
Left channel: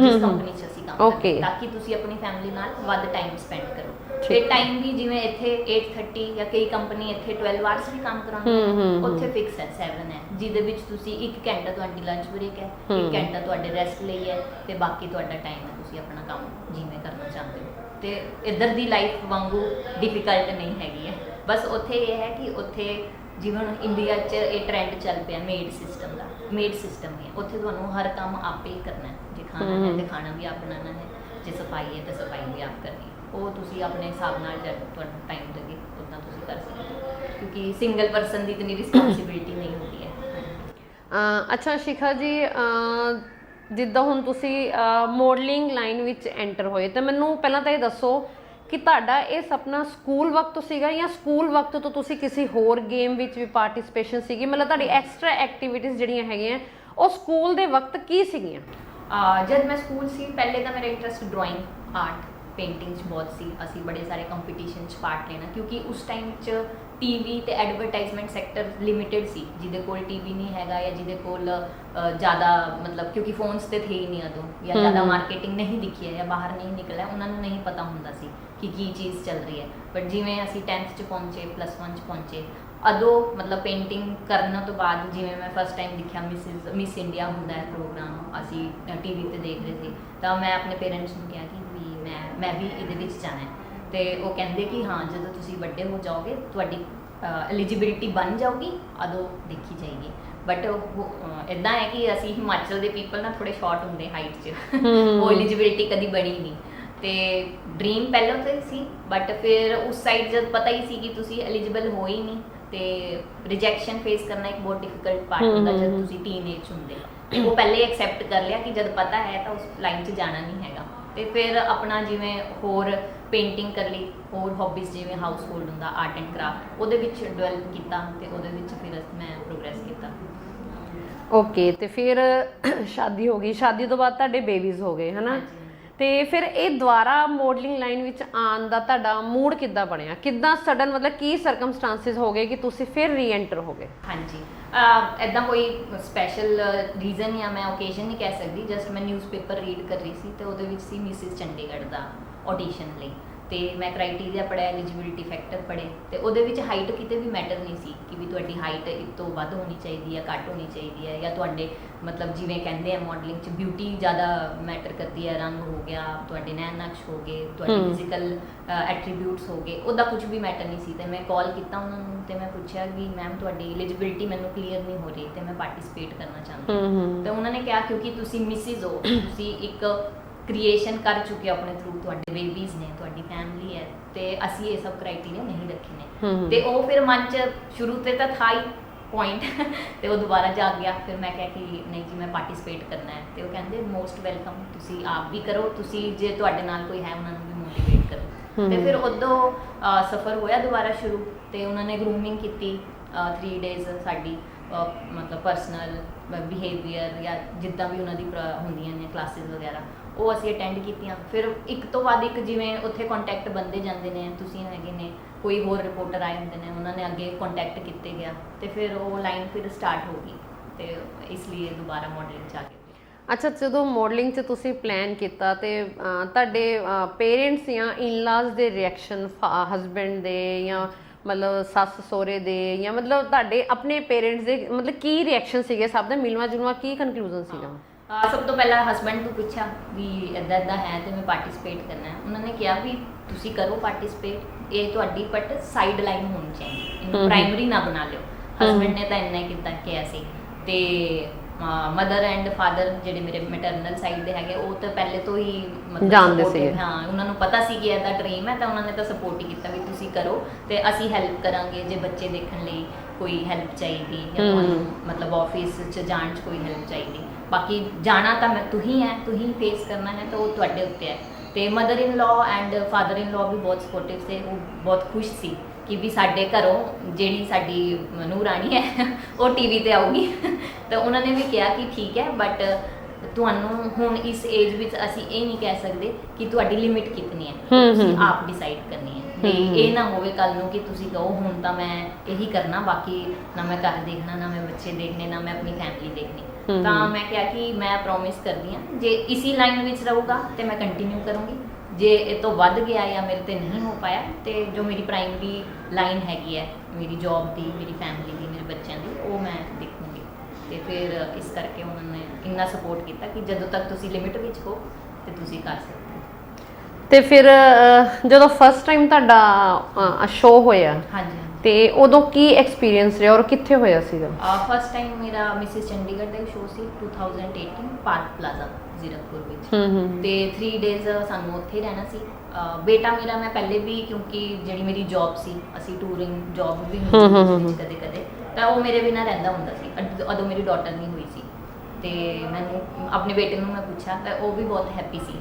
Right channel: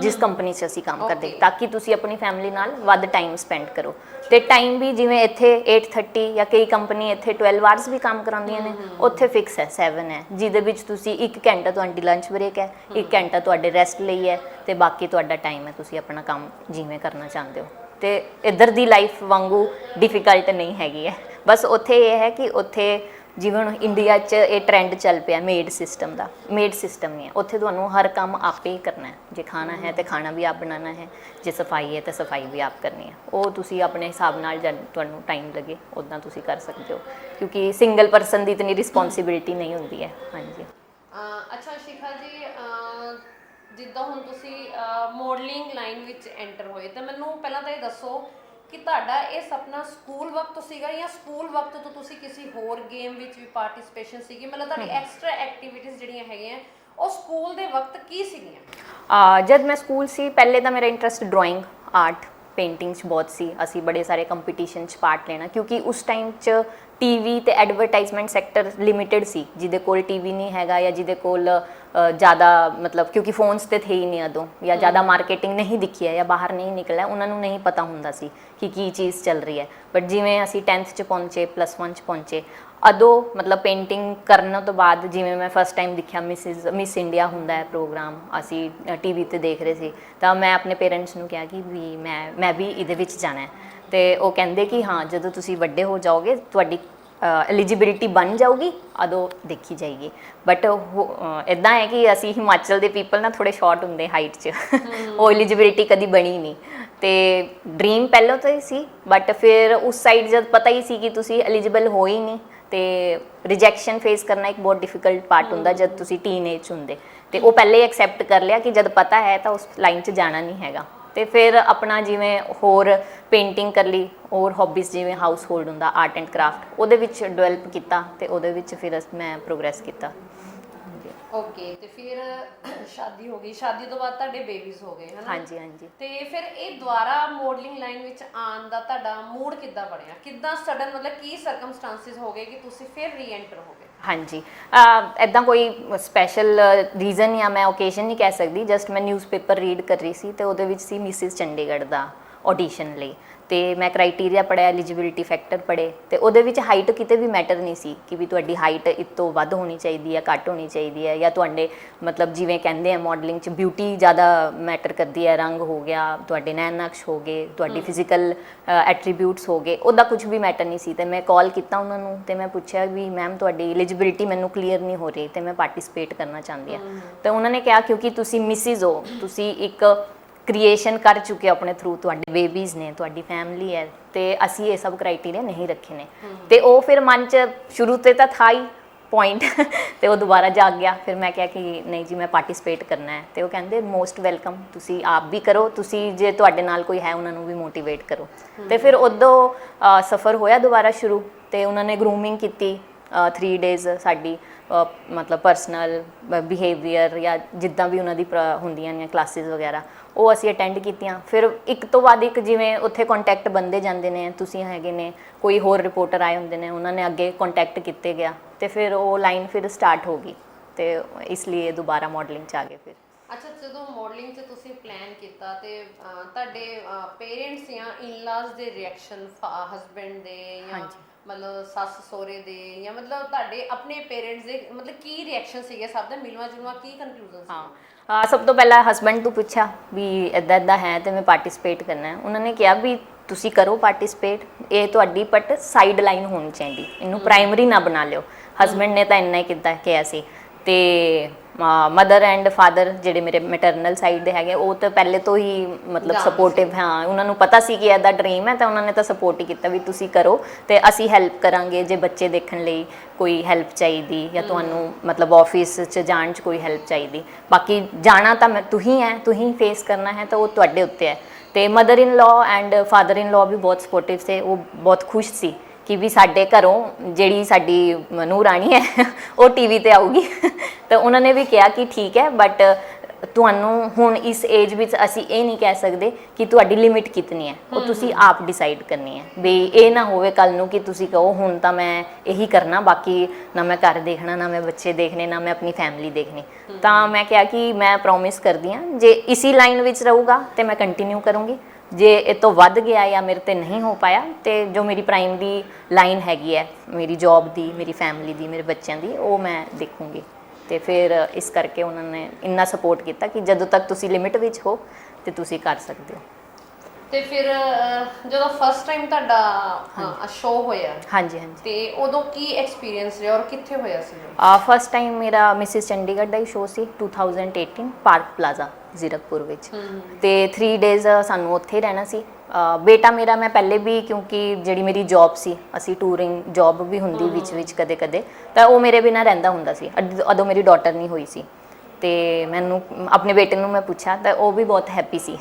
ਜਿਸ ਕੰਪਨੀ 'ਚ ਅਸੀਂ ਕੰਮ ਕਰਦੇ, ਤਾਂ ਕਿ ਤੁਸੀਂ ਆਪਣੀ ਫੈਮਿਲੀ ਨਾਲ ਵੱਧ ਟਾਈਮ ਸਪੈਂਡ ਕਰੋ। ਤੇ ਟਾਈਮ ਵੀ ਜਿਵੇਂ ਇੱਥੇ 8:30 ਜਾਂ ਕਈ ਕੰਪਨੀ ਇੱਥੇ 12 ਆਵਰਸ ਵੀ ਕੰਮ ਕਰਾਉਂਦੀਆਂ ਨੇ, ਉੱਥੇ ਫਿਕਸ ਹੈ 7 ਹੈ, ਜਿਹਦੇ ਵਿੱਚ ਤੁਸੀਂ 1 ਘੰਟਾ ਤੁਹਾਡੀ ਲੰਚ ਬ੍ਰੇਕ ਹੈ, 1 ਘੰਟਾ ਤੁਹਾਡੇ ਰੈਸਟ ਲਈ ਹੈ, ਤੇ ਬਾਕੀ ਤੁਹਾਡਾ ਟਾਈਮ ਹੈ ਤੁਸੀਂ ਆਪਣਾ ਕੰਮ ਜਿਵੇਂ ਕਰਨਾ ਚਾਹੁੰਦੇ ਹੋ। ਤੇ ਇੱਧਰ ਦੀ ਲਾਈਫ ਵਾਂਗੂ ਡਿਫਿਕਲਟ ਨਹੀਂ ਹੈਗੀ ਹੈ। ਬਸ ਉੱਥੇ ਇਹ ਹੈ ਕਿ ਉੱਥੇ ਜਿਵੇਂ ਹੁਣ ਇੰਡੀਆ 'ਚ ਇਹ ਟ੍ਰੈਂਡ ਚੱਲ ਪਿਆ ਮੇਡ ਸਿਸਟਮ ਦਾ, ਮੇਡ ਸਿਸਟਮ ਨਹੀਂ ਹੈ ਉੱਥੇ। ਤੁਹਾਨੂੰ ਹਰ ਕੰਮ ਆਪੇ ਹੀ ਕਰਨਾ ਹੈ, ਜੇ ਖਾਣਾ ਹੈ ਤੇ ਖਾਣਾ ਵੀ ਆਪ ਬਣਾਉਣਾ ਹੈ, ਜੇ ਸਫਾਈ ਹੈ ਤਾਂ ਸਫਾਈ ਵੀ ਆਪ ਕਰਨੀ ਹੈ। ਉਹ ਤੁਸੀਂ ਆਪਣੇ ਹਿਸਾਬ ਨਾਲ ਜਦ ਤੁਹਾਨੂੰ ਟਾਈਮ ਲੱਗੇ ਉੱਦਾਂ ਤੁਸੀਂ ਕਰ ਸਕਦੇ ਹੋ, ਕਿਉਂਕਿ ਸਿੰਗਲ ਪਰਸਨ ਦੀ ਇਤਨੀ ਰਿਸਪੌਂਸਿਬਿਲਿਟੀ ਨਹੀਂ ਹੁੰਦੀ ਹੈ। ਹਾਂਜੀ। ਅੱਛਾ ਸ਼ਿਖਾ ਜੀ, ਜਿੱਦਾਂ ਹੁਣ ਤੁਸੀਂ ਮੋਡਲਿੰਗ ਲਾਈਨ ਵਿੱਚ ਐਂਟਰ ਹੋਏ, ਤਾਂ ਮੈਨੂੰ ਪਹਿਲਾਂ ਤਾਂ ਇਹ ਦੱਸੋ ਕਿ ਤੁਹਾਡਾ ਇਹ ਸੁਪਨਾ ਸਕੂਲ ਵਕਤ ਸੀਗਾ ਜਾਂ ਸਕੂਲ ਵਕਤ ਤੋਂ ਤੁਸੀਂ ਕਿਸੇ ਹੋਰ ਗੇਮ ਵਿੱਚ ਵੀ ਪਾਰਟਿਸਿਪੇਸ਼ਨ ਸੀਗੀ? ਮਤਲਬ ਤੁਹਾਡੀ ਐਕਸਟਰਾ ਐਕਟੀਵਿਟੀਜ਼ ਜਿਹੜੀਆਂ ਹੈਗੀਆਂ ਉਹ ਸਕੂਲ ਦੇ ਵਕਤ ਕੀ ਸੀਗੀਆਂ? ਜਦ ਮੈਂ ਸਕੂਲ ਸੀ, ਪਹਿਲੇ ਤਾਂ ਮੇਰਾ ਇੰਟਰਸਟ ਡਰਾਇੰਗ, ਆਰਟ, ਪੇਂਟਿੰਗ 'ਚ ਬਹੁਤ ਸੀ। ਅਸੀਂ ਬੜੇ ਸਾਰੇ ਕੰਪੀਟੀਸ਼ਨ 'ਚ ਪਾਰਟ ਲੈਣਾ, ਕਿਉਂਕਿ ਉਸ ਟਾਈਮ 'ਚ ਟੀਵੀ ਤੇ ਐਡਵਰਟਾਈਜ਼ਮੈਂਟ ਸੈਕਟਰ ਲਿਮਿਟਡ ਸੀ। ਜਿਹਦੇ ਕੋਲ ਟੀਵੀ ਨਹੀਂ ਹੈਗਾ ਜਾਂ ਜਿਹਦੇ ਕੋਲ ਜ਼ਿਆਦਾ ਮਤਲਬ, ਕਿਉਂਕਿ ਫੋਨਸ ਤੇ ਥੇ ਹੀ ਨਹੀਂ ਉਦੋਂ, ਜਾਂ ਜ਼ਿਆਦਾ ਮਾਰਕੀਟਿੰਗ ਨਹੀਂ ਦਿਖੀ ਹੈ ਜਾਂ ਬਾਹਰ ਨਹੀਂ ਨਿਕਲਿਆ, ਉਹਨਾਂ ਨੂੰ ਨਹੀਂ ਪਤਾ ਹੁੰਦਾ ਸੀ ਕਿ ਕੀ ਚੀਜ਼ ਚੱਲ ਰਹੀ ਹੈ। ਬਟ ਜਿਵੇਂ ਅਸੀਂ 10th 'ਚ ਪਹੁੰਚੇ, +1 'ਚ ਪਹੁੰਚੇ, ਅਦੋਂ ਮਤਲਬ ਪੇਂਟਿੰਗ ਕਰਨ ਤੋਂ ਬਾਅਦ ਜਿਵੇਂ ਮੈਂ ਫਸਟ ਟਾਈਮ ਦੇਖਿਆ ਮਿਸ ਇੰਡੀਆ ਹੁੰਦਾ ਹੈ ਪ੍ਰੋਗਰਾਮ, ਅਸੀਂ ਟੀਵੀ ਤੇ ਦੇਖ ਰਹੇ ਸੀ, ਤਾਂ ਮੈਂ ਆਪਣੇ ਪੇਰੈਂਟਸ ਨੂੰ ਕਿਹਾ ਕਿ ਵੀ ਮੈਂ ਵੀ ਇਹਦੇ ਵਿੱਚ ਜਾਣਾ ਹੈ। ਤੇ ਉਹ ਕਹਿੰਦੇ ਕਿ ਹਾਂ, ਜਦੋਂ ਤੁਸੀਂ ਵੱਡੇ ਹੋ ਜਾਓਗੇ, ਤੁਹਾਡੀ ਐਲੀਜੀਬਿਲਿਟੀ ਬਣ ਜਾਊਗੀ, ਅਦੋਂ ਦੇਖੀ ਜਾਏਗੀ। ਬਟ ਇੱਦਾਂ ਹੈ ਕਿ ਅਸੀਂ ਹਿਮਾਚਲ ਦੇ ਪੀਪਲ ਨਾ ਥੋੜੇ ਸ਼ਾਰਟ ਹੁੰਦੇ ਹਾਈਟ 'ਚ, ਉਹ ਐਲੀਜੀਬਿਲਿਟੀ ਕਦੀ ਬਣੀ ਨਹੀਂ। ਤੇ ਡ੍ਰੀਮ ਪਹਿਲਾਂ ਤੋਂ ਹੀ ਸੀ, ਬਟ ਫਿਰ ਉਸ ਸਾਈਡ ਜਦ ਪਤਾ ਹੀ ਸੀ ਕਿ ਤੁਸੀਂ ਐਲੀਜੀਬਲ ਹੋ ਹੀ ਨਹੀਂ, ਤੇ ਰਿਜੈਕਸ਼ਨ ਫੇਸ ਕਰਨਾ ਇੱਕ ਬਹੁਤ ਡਿਫਿਕਲਟ ਪਾਰਟ ਹੁੰਦਾ ਜਦ ਤੁਸੀਂ ਟੀਨੇਜ ਹੁੰਦੇ। ਤੇ ਉਹ ਪਹਿਲੇ ਹੀ ਐਕਸੈਪਟ ਕਰ ਲਿਆ ਕਿ ਜਦ ਪਤਾ ਹੈ ਤਾਂ ਉਸ ਲਾਈਨ 'ਚ ਜਾਣਾ ਨਹੀਂ ਹੈਗਾ। ਤੇ ਫਿਰ ਆਪਣਾ ਜਿਵੇਂ ਹੋਰ ਪੇਂਟਿੰਗ ਕਰ ਲਈ, ਹੋਰ ਹੌਬੀਜ਼ ਜਿਵੇਂ ਹਾਊਸ ਹੋਲਡ ਹੁੰਦਾ, ਆਰਟ ਐਂਡ ਕਰਾਫਟ, ਉਹਦੇ ਵਿੱਚ ਡਿਵੈਲਪ ਕੀਤਾ, ਤੇ ਉਹਦੇ ਵਿੱਚ ਫਿਰ ਮੈਂ ਪ੍ਰੋਗਰੈਸ ਕੀਤਾ। ਓਕੇ, ਤੇ ਫਿਰ ਸ਼ਾਦੀ ਹੋ ਗਈ, ਸ਼ਾਦੀ ਤੋਂ ਬਾਅਦ ਤੁਹਾਡੇ ਬੇਬੀਜ਼ ਹੋ ਗਏ, ਹਨਾ? ਹਾਂਜੀ ਹਾਂਜੀ। ਤੇ ਫਿਰ ਇਹ ਦੁਬਾਰਾ ਮਾਡਲਿੰਗ ਲਾਈਨ ਵਿੱਚ ਆਉਣ ਦਾ ਤੁਹਾਡਾ ਮੂਡ ਕਿੱਦਾਂ ਬਣਿਆ? ਕਿੱਦਾਂ ਸਡਨ, ਮਤਲਬ ਕੀ ਸਰਕਮਸਟੈਂਸਿਸ ਹੋ ਗਏ ਕਿ ਤੁਸੀਂ ਫਿਰ ਰੀਐਂਟਰ ਹੋ ਗਏ? ਹਾਂਜੀ, ਇੱਦਾਂ ਕੋਈ ਸਪੈਸ਼ਲ ਰੀਜ਼ਨ ਜਾਂ ਮੈਂ ਓਕੇਜ਼ਨ ਨਹੀਂ ਕਹਿ ਸਕਦੀ, ਜਸਟ ਮੈਂ ਨਿਊਜ਼ਪੇਪਰ ਰੀਡ ਕਰ ਰਹੀ ਸੀ ਤੇ ਉਹਦੇ ਵਿੱਚ ਸੀ ਮਿਸਿਸ ਚੰਡੀਗੜ੍ਹ ਦਾ ਆਡੀਸ਼ਨ ਲਈ। ਤੇ ਮੈਂ ਕ੍ਰਾਈਟੇਰੀਆ ਪੜ੍ਹਿਆ, ਐਲੀਜੀਬਿਲਿਟੀ ਫੈਕਟਰ ਪੜ੍ਹੇ, ਤੇ ਉਹਦੇ ਵਿੱਚ ਹਾਈਟ ਕਿਤੇ ਵੀ ਮੈਟਰ ਨਹੀਂ ਸੀ ਕਿ ਵੀ ਤੁਹਾਡੀ ਹਾਈਟ ਇਸ ਤੋਂ ਵੱਧ ਹੋਣੀ ਚਾਹੀਦੀ ਹੈ, ਘੱਟ ਹੋਣੀ ਚਾਹੀਦੀ ਹੈ, ਜਾਂ ਤੁਹਾਡੇ ਮਤਲਬ ਜਿਵੇਂ ਕਹਿੰਦੇ ਆ ਮਾਡਲਿੰਗ 'ਚ ਬਿਊਟੀ ਜ਼ਿਆਦਾ ਮੈਟਰ ਕਰਦੀ ਹੈ, ਰੰਗ ਹੋ ਗਿਆ, ਤੁਹਾਡੇ ਨੈਣ ਨਕਸ਼ ਹੋ ਗਏ, ਤੁਹਾਡੀ ਫਿਜ਼ੀਕਲ ਐਟਰੀਬਿਊਟਸ ਹੋ ਗਏ, ਉਹਦਾ ਕੁਝ ਵੀ ਮੈਟਰ ਨਹੀਂ ਸੀ। ਤੇ ਮੈਂ ਕਾਲ ਕੀਤਾ ਉਹਨਾਂ ਨੂੰ ਤੇ ਮੈਂ ਪੁੱਛਿਆ ਵੀ ਮੈਮ ਤੁਹਾਡੀ ਐਲੀਜੀਬਿਲਿਟੀ ਮੈਨੂੰ ਕਲੀਅਰ ਨਹੀਂ ਹੋ ਰਹੀ ਤੇ ਮੈਂ ਪਾਰਟਿਸਿਪੇਟ ਕਰਨਾ ਚਾਹੁੰਦੀ ਹਾਂ। ਤੇ ਉਹਨਾਂ ਨੇ ਕਿਹਾ ਕਿਉਂਕਿ ਤੁਸੀਂ ਮਿਸਿਸ ਹੋ, ਤੁਸੀਂ ਇੱਕ ਕ੍ਰੀਏਸ਼ਨ ਕਰ ਚੁੱਕੇ ਆਪਣੇ ਥਰੂ, ਤੁਹਾਡੇ ਬੇਬੀਜ਼ ਨੇ, ਤੁਹਾਡੀ ਫੈਮਿਲੀ ਹੈ, ਤੇ ਅਸੀਂ ਇਹ ਸਭ ਕ੍ਰਾਈਟੇਰੀਆ ਨਹੀਂ ਰੱਖੇ ਨੇ। ਤੇ ਉਹ ਫਿਰ ਮਨ 'ਚ ਸ਼ੁਰੂ ਤੇ ਤਾਂ ਥਾ ਹੀ ਪੁਆਇੰਟ ਤੇ ਉਹ ਦੁਬਾਰਾ ਜਾਗ ਗਿਆ। ਫਿਰ ਮੈਂ ਕਿਹਾ ਕਿ ਨਹੀਂ ਜੀ, ਮੈਂ ਪਾਰਟਿਸਿਪੇਟ ਕਰਨਾ ਹੈ। ਤੇ ਉਹ ਕਹਿੰਦੇ ਮੋਸਟ ਵੈਲਕਮ, ਤੁਸੀਂ ਆਪ ਵੀ ਕਰੋ, ਤੁਸੀਂ ਜੇ ਤੁਹਾਡੇ ਨਾਲ ਕੋਈ ਹੈ ਉਹਨਾਂ ਨੂੰ ਵੀ ਮੋਟੀਵੇਟ ਕਰੋ। ਤੇ ਫਿਰ ਉਦੋਂ ਸਫ਼ਰ ਹੋਇਆ ਦੁਬਾਰਾ ਸ਼ੁਰੂ, ਤੇ ਉਹਨਾਂ ਨੇ ਗਰੂਮਿੰਗ ਕੀਤੀ 3 ਡੇਜ਼ ਸਾਡੀ, ਮਤਲਬ ਪਰਸਨਲ ਬਿਹੇਵੀਅਰ ਜਾਂ ਜਿੱਦਾਂ ਵੀ ਉਹਨਾਂ ਦੀ ਹੁੰਦੀਆਂ ਨੇ ਕਲਾਸਿਸ ਵਗੈਰਾ, ਉਹ ਅਸੀਂ ਅਟੈਂਡ ਕੀਤੀਆਂ। ਫਿਰ ਇੱਕ ਤੋਂ ਬਾਅਦ ਇੱਕ ਜਿਵੇਂ ਉੱਥੇ ਕੰਟੈਕਟ ਬਣਦੇ ਜਾਂਦੇ ਨੇ, ਤੁਸੀਂ ਹੈਗੇ ਨੇ, ਕੋਈ ਹੋਰ ਰਿਪੋਰਟਰ ਆਏ ਹੁੰਦੇ ਨੇ, ਉਹਨਾਂ ਨੇ ਅੱਗੇ ਕੰਟੈਕਟ ਕੀਤੇ ਗਿਆ, ਤੇ ਫਿਰ ਉਹ ਲਾਈਨ ਫਿਰ ਸਟਾਰਟ ਹੋ ਗਈ, ਤੇ ਇਸ ਲਈ ਦੁਬਾਰਾ ਮਾਡਲਿੰਗ 'ਚ ਆ ਗਏ। ਫਿਰ ਅੱਛਾ, ਜਦੋਂ ਮਾਡਲਿੰਗ 'ਚ ਤੁਸੀਂ ਪਲਾਨ ਕੀਤਾ ਤੇ ਤੁਹਾਡੇ ਪੇਰੈਂਟਸ ਜਾਂ ਇਨ-ਲਾਜ਼ ਦੇ ਰਿਐਕਸ਼ਨ, ਹਸਬੈਂਡ ਦੇ ਜਾਂ ਮਤਲਬ ਸੱਸ ਸਹੁਰੇ ਦੇ, ਜਾਂ ਮਤਲਬ ਤੁਹਾਡੇ ਆਪਣੇ ਪੇਰੈਂਟਸ ਦੇ, ਮਤਲਬ ਕੀ ਰਿਐਕਸ਼ਨ ਸੀਗੇ ਸਭ ਦਾ? ਮਿਲਵਾ ਜੁਲਵਾ ਕੀ ਕਨਕਲੂਜਨ ਸੀਗਾ? ਸਭ ਤੋਂ ਪਹਿਲਾਂ ਹਸਬੈਂਡ ਤੋਂ ਪੁੱਛਿਆ ਵੀ ਇੱਦਾਂ ਇੱਦਾਂ ਹੈ ਤੇ ਮੈਂ ਪਾਰਟਿਸਿਪੇਟ ਕਰਨਾ ਹੈ। ਉਹਨਾਂ ਨੇ ਕਿਹਾ ਵੀ ਤੁਸੀਂ ਕਰੋ ਪਾਰਟਿਸਿਪੇਟ, ਇਹ ਤੁਹਾਡੀ ਬਟ ਸਾਈਡ ਲਾਈਨ ਹੋਣੀ ਚਾਹੀਦੀ, ਇਹਨੂੰ ਪ੍ਰਾਇਮਰੀ ਨਾ ਬਣਾ ਲਿਓ। ਹਸਬੈਂਡ ਨੇ ਤਾਂ ਇੰਨਾ ਹੀ ਕਿਹਾ ਸੀ। ਤੇ ਮਦਰ ਐਂਡ ਫਾਦਰ ਜਿਹੜੇ ਮੇਰੇ ਮੈਟਰਨਲ ਸਾਈਡ ਦੇ ਹੈਗੇ, ਉਹ ਤਾਂ ਪਹਿਲੇ ਤੋਂ ਹੀ ਮਤਲਬ ਸਪੋਰਟਿਵ, ਹਾਂ, ਉਹਨਾਂ ਨੂੰ ਪਤਾ ਸੀ ਕਿ ਇਹਦਾ ਡ੍ਰੀਮ ਹੈ, ਤਾਂ ਉਹਨਾਂ ਨੇ ਤਾਂ ਸਪੋਰਟ ਹੀ ਕੀਤਾ ਵੀ ਤੁਸੀਂ ਕਰੋ ਤੇ ਅਸੀਂ ਹੈਲਪ ਕਰਾਂਗੇ। ਜੇ ਬੱਚੇ ਦੇਖਣ ਲਈ ਕੋਈ ਹੈਲਪ ਚਾਹੀਦੀ ਜਾਂ ਤੁਹਾਨੂੰ ਮਤਲਬ ਆਫਿਸ 'ਚ ਜਾਣ 'ਚ ਕੋਈ ਹੈਲਪ ਚਾਹੀਦੀ, ਬਾਕੀ ਜਾਣਾ ਤਾਂ ਤੁਸੀਂ ਹੈ, ਤੁਸੀਂ ਫੇਸ ਕਰਨਾ ਹੈ, ਤਾਂ ਉਹ ਤੁਹਾਡੇ ਉੱਤੇ ਹੈ। ਤੇ mother in law and father in law ਵੀ ਬਹੁਤ ਸਪੋਰਟਿਵ ਸੀ, ਉਹ ਬਹੁਤ ਖੁਸ਼ ਸੀ ਕਿ ਵੀ ਸਾਡੇ ਘਰੋਂ ਜਿਹੜੀ ਸਾਡੀ ਨੂੰਹ ਰਾਣੀ ਹੈ ਉਹ ਟੀਵੀ ਤੇ ਆਊਗੀ। ਤਾਂ ਉਹਨਾਂ ਨੇ ਵੀ ਕਿਹਾ ਕਿ ਠੀਕ ਹੈ, ਬਟ ਤੁਹਾਨੂੰ ਹੁਣ ਇਸ ਏਜ ਵਿੱਚ ਅਸੀਂ ਇਹ ਨਹੀਂ ਕਹਿ ਸਕਦੇ ਕਿ ਤੁਹਾਡੀ ਲਿਮਿਟ ਕਿਤਨੀ ਹੈ, ਉਹ ਤੁਸੀਂ ਆਪ ਡਿਸਾਈਡ ਕਰਨੀ ਹੈ ਵੀ ਇਹ ਨਾ ਹੋਵੇ ਕੱਲ ਨੂੰ ਕਿ ਤੁਸੀਂ ਕਹੋ ਹੁਣ ਤਾਂ ਮੈਂ ਇਹੀ ਕਰਨਾ, ਬਾਕੀ ਨਾ ਮੈਂ ਘਰ ਦੇਖਣਾ, ਨਾ ਮੈਂ ਬੱਚੇ ਦੇਖਣੇ, ਨਾ ਮੈਂ ਆਪਣੀ ਫੈਮਿਲੀ ਦੇਖਣੀ। ਤਾਂ ਮੈਂ ਕਿਹਾ ਕਿ ਮੈਂ ਪ੍ਰੋਮਿਸ ਕਰਦੀ ਹਾਂ ਜੇ ਇਸੀ ਲਾਈਨ ਵਿੱਚ ਰਹੂਗਾ ਤੇ ਮੈਂ ਕੰਟੀਨਿਊ ਕਰੂੰਗੀ, ਜੇ ਇਹ ਤੋਂ ਵੱਧ ਗਿਆ ਜਾਂ ਮੇਰੇ ਤੇ ਨਹੀਂ ਹੋ ਪਾਇਆ ਤੇ ਜੋ ਮੇਰੀ ਪ੍ਰਾਇਮਰੀ ਲਾਈਨ ਹੈਗੀ ਹੈ ਮੇਰੀ ਜੌਬ ਦੀ, ਮੇਰੀ ਫੈਮਿਲੀ ਦੀ, ਮੇਰੇ ਬੱਚਿਆਂ ਦੀ, ਉਹ ਮੈਂ ਦੇਖੂੰਗੀ। ਤੇ ਫਿਰ ਇਸ ਕਰਕੇ ਉਹਨਾਂ ਨੇ ਇੰਨਾ ਸਪੋਰਟ ਕੀਤਾ ਕਿ ਜਦੋਂ ਤੱਕ ਤੁਸੀਂ ਲਿਮਿਟ ਵਿੱਚ ਹੋ ਤੇ ਤੁਸੀਂ ਕਰ ਸਕਦੇ ਹੋ। ਤੇ ਫਿਰ ਜਦੋਂ ਫਸਟ ਟਾਈਮ ਤੁਹਾਡਾ ਸ਼ੋਅ ਹੋਇਆ, ਹਾਂਜੀ ਹਾਂਜੀ, ਤੇ ਉਦੋਂ ਕੀ ਐਕਸਪੀਰੀਅੰਸ ਰਿਹਾ ਔਰ ਕਿੱਥੇ ਹੋਇਆ ਸੀਗਾ? ਫਸਟ ਟਾਈਮ ਮੇਰਾ ਮਿਸਿਸ ਚੰਡੀਗੜ੍ਹ ਦਾ ਹੀ ਸ਼ੋਅ ਸੀ 2018 ਪਾਰਕ ਪਲਾਜ਼ਾ ਜ਼ੀਰਕਪੁਰ ਵਿੱਚ। ਤੇ 3 ਡੇਜ਼ ਸਾਨੂੰ ਉੱਥੇ ਰਹਿਣਾ ਸੀ। ਬੇਟਾ ਮੇਰਾ, ਮੈਂ ਪਹਿਲੇ ਵੀ ਕਿਉਂਕਿ ਜਿਹੜੀ ਮੇਰੀ ਜੌਬ ਸੀ, ਅਸੀਂ ਟੂਰਿੰਗ ਜੌਬ ਵੀ ਹੁੰਦੀ ਵਿੱਚ ਕਦੇ ਕਦੇ, ਤਾਂ ਉਹ ਮੇਰੇ ਬਿਨਾਂ ਰਹਿੰਦਾ ਹੁੰਦਾ ਸੀ। ਉਦੋਂ ਮੇਰੀ ਡਾਟਰ ਨਹੀਂ ਹੋਈ ਸੀ ਤੇ ਮੈਨੂੰ ਆਪਣੇ ਬੇਟੇ ਨੂੰ ਮੈਂ ਪੁੱਛਿਆ ਤਾਂ ਉਹ ਵੀ ਬਹੁਤ ਹੈਪੀ ਸੀ।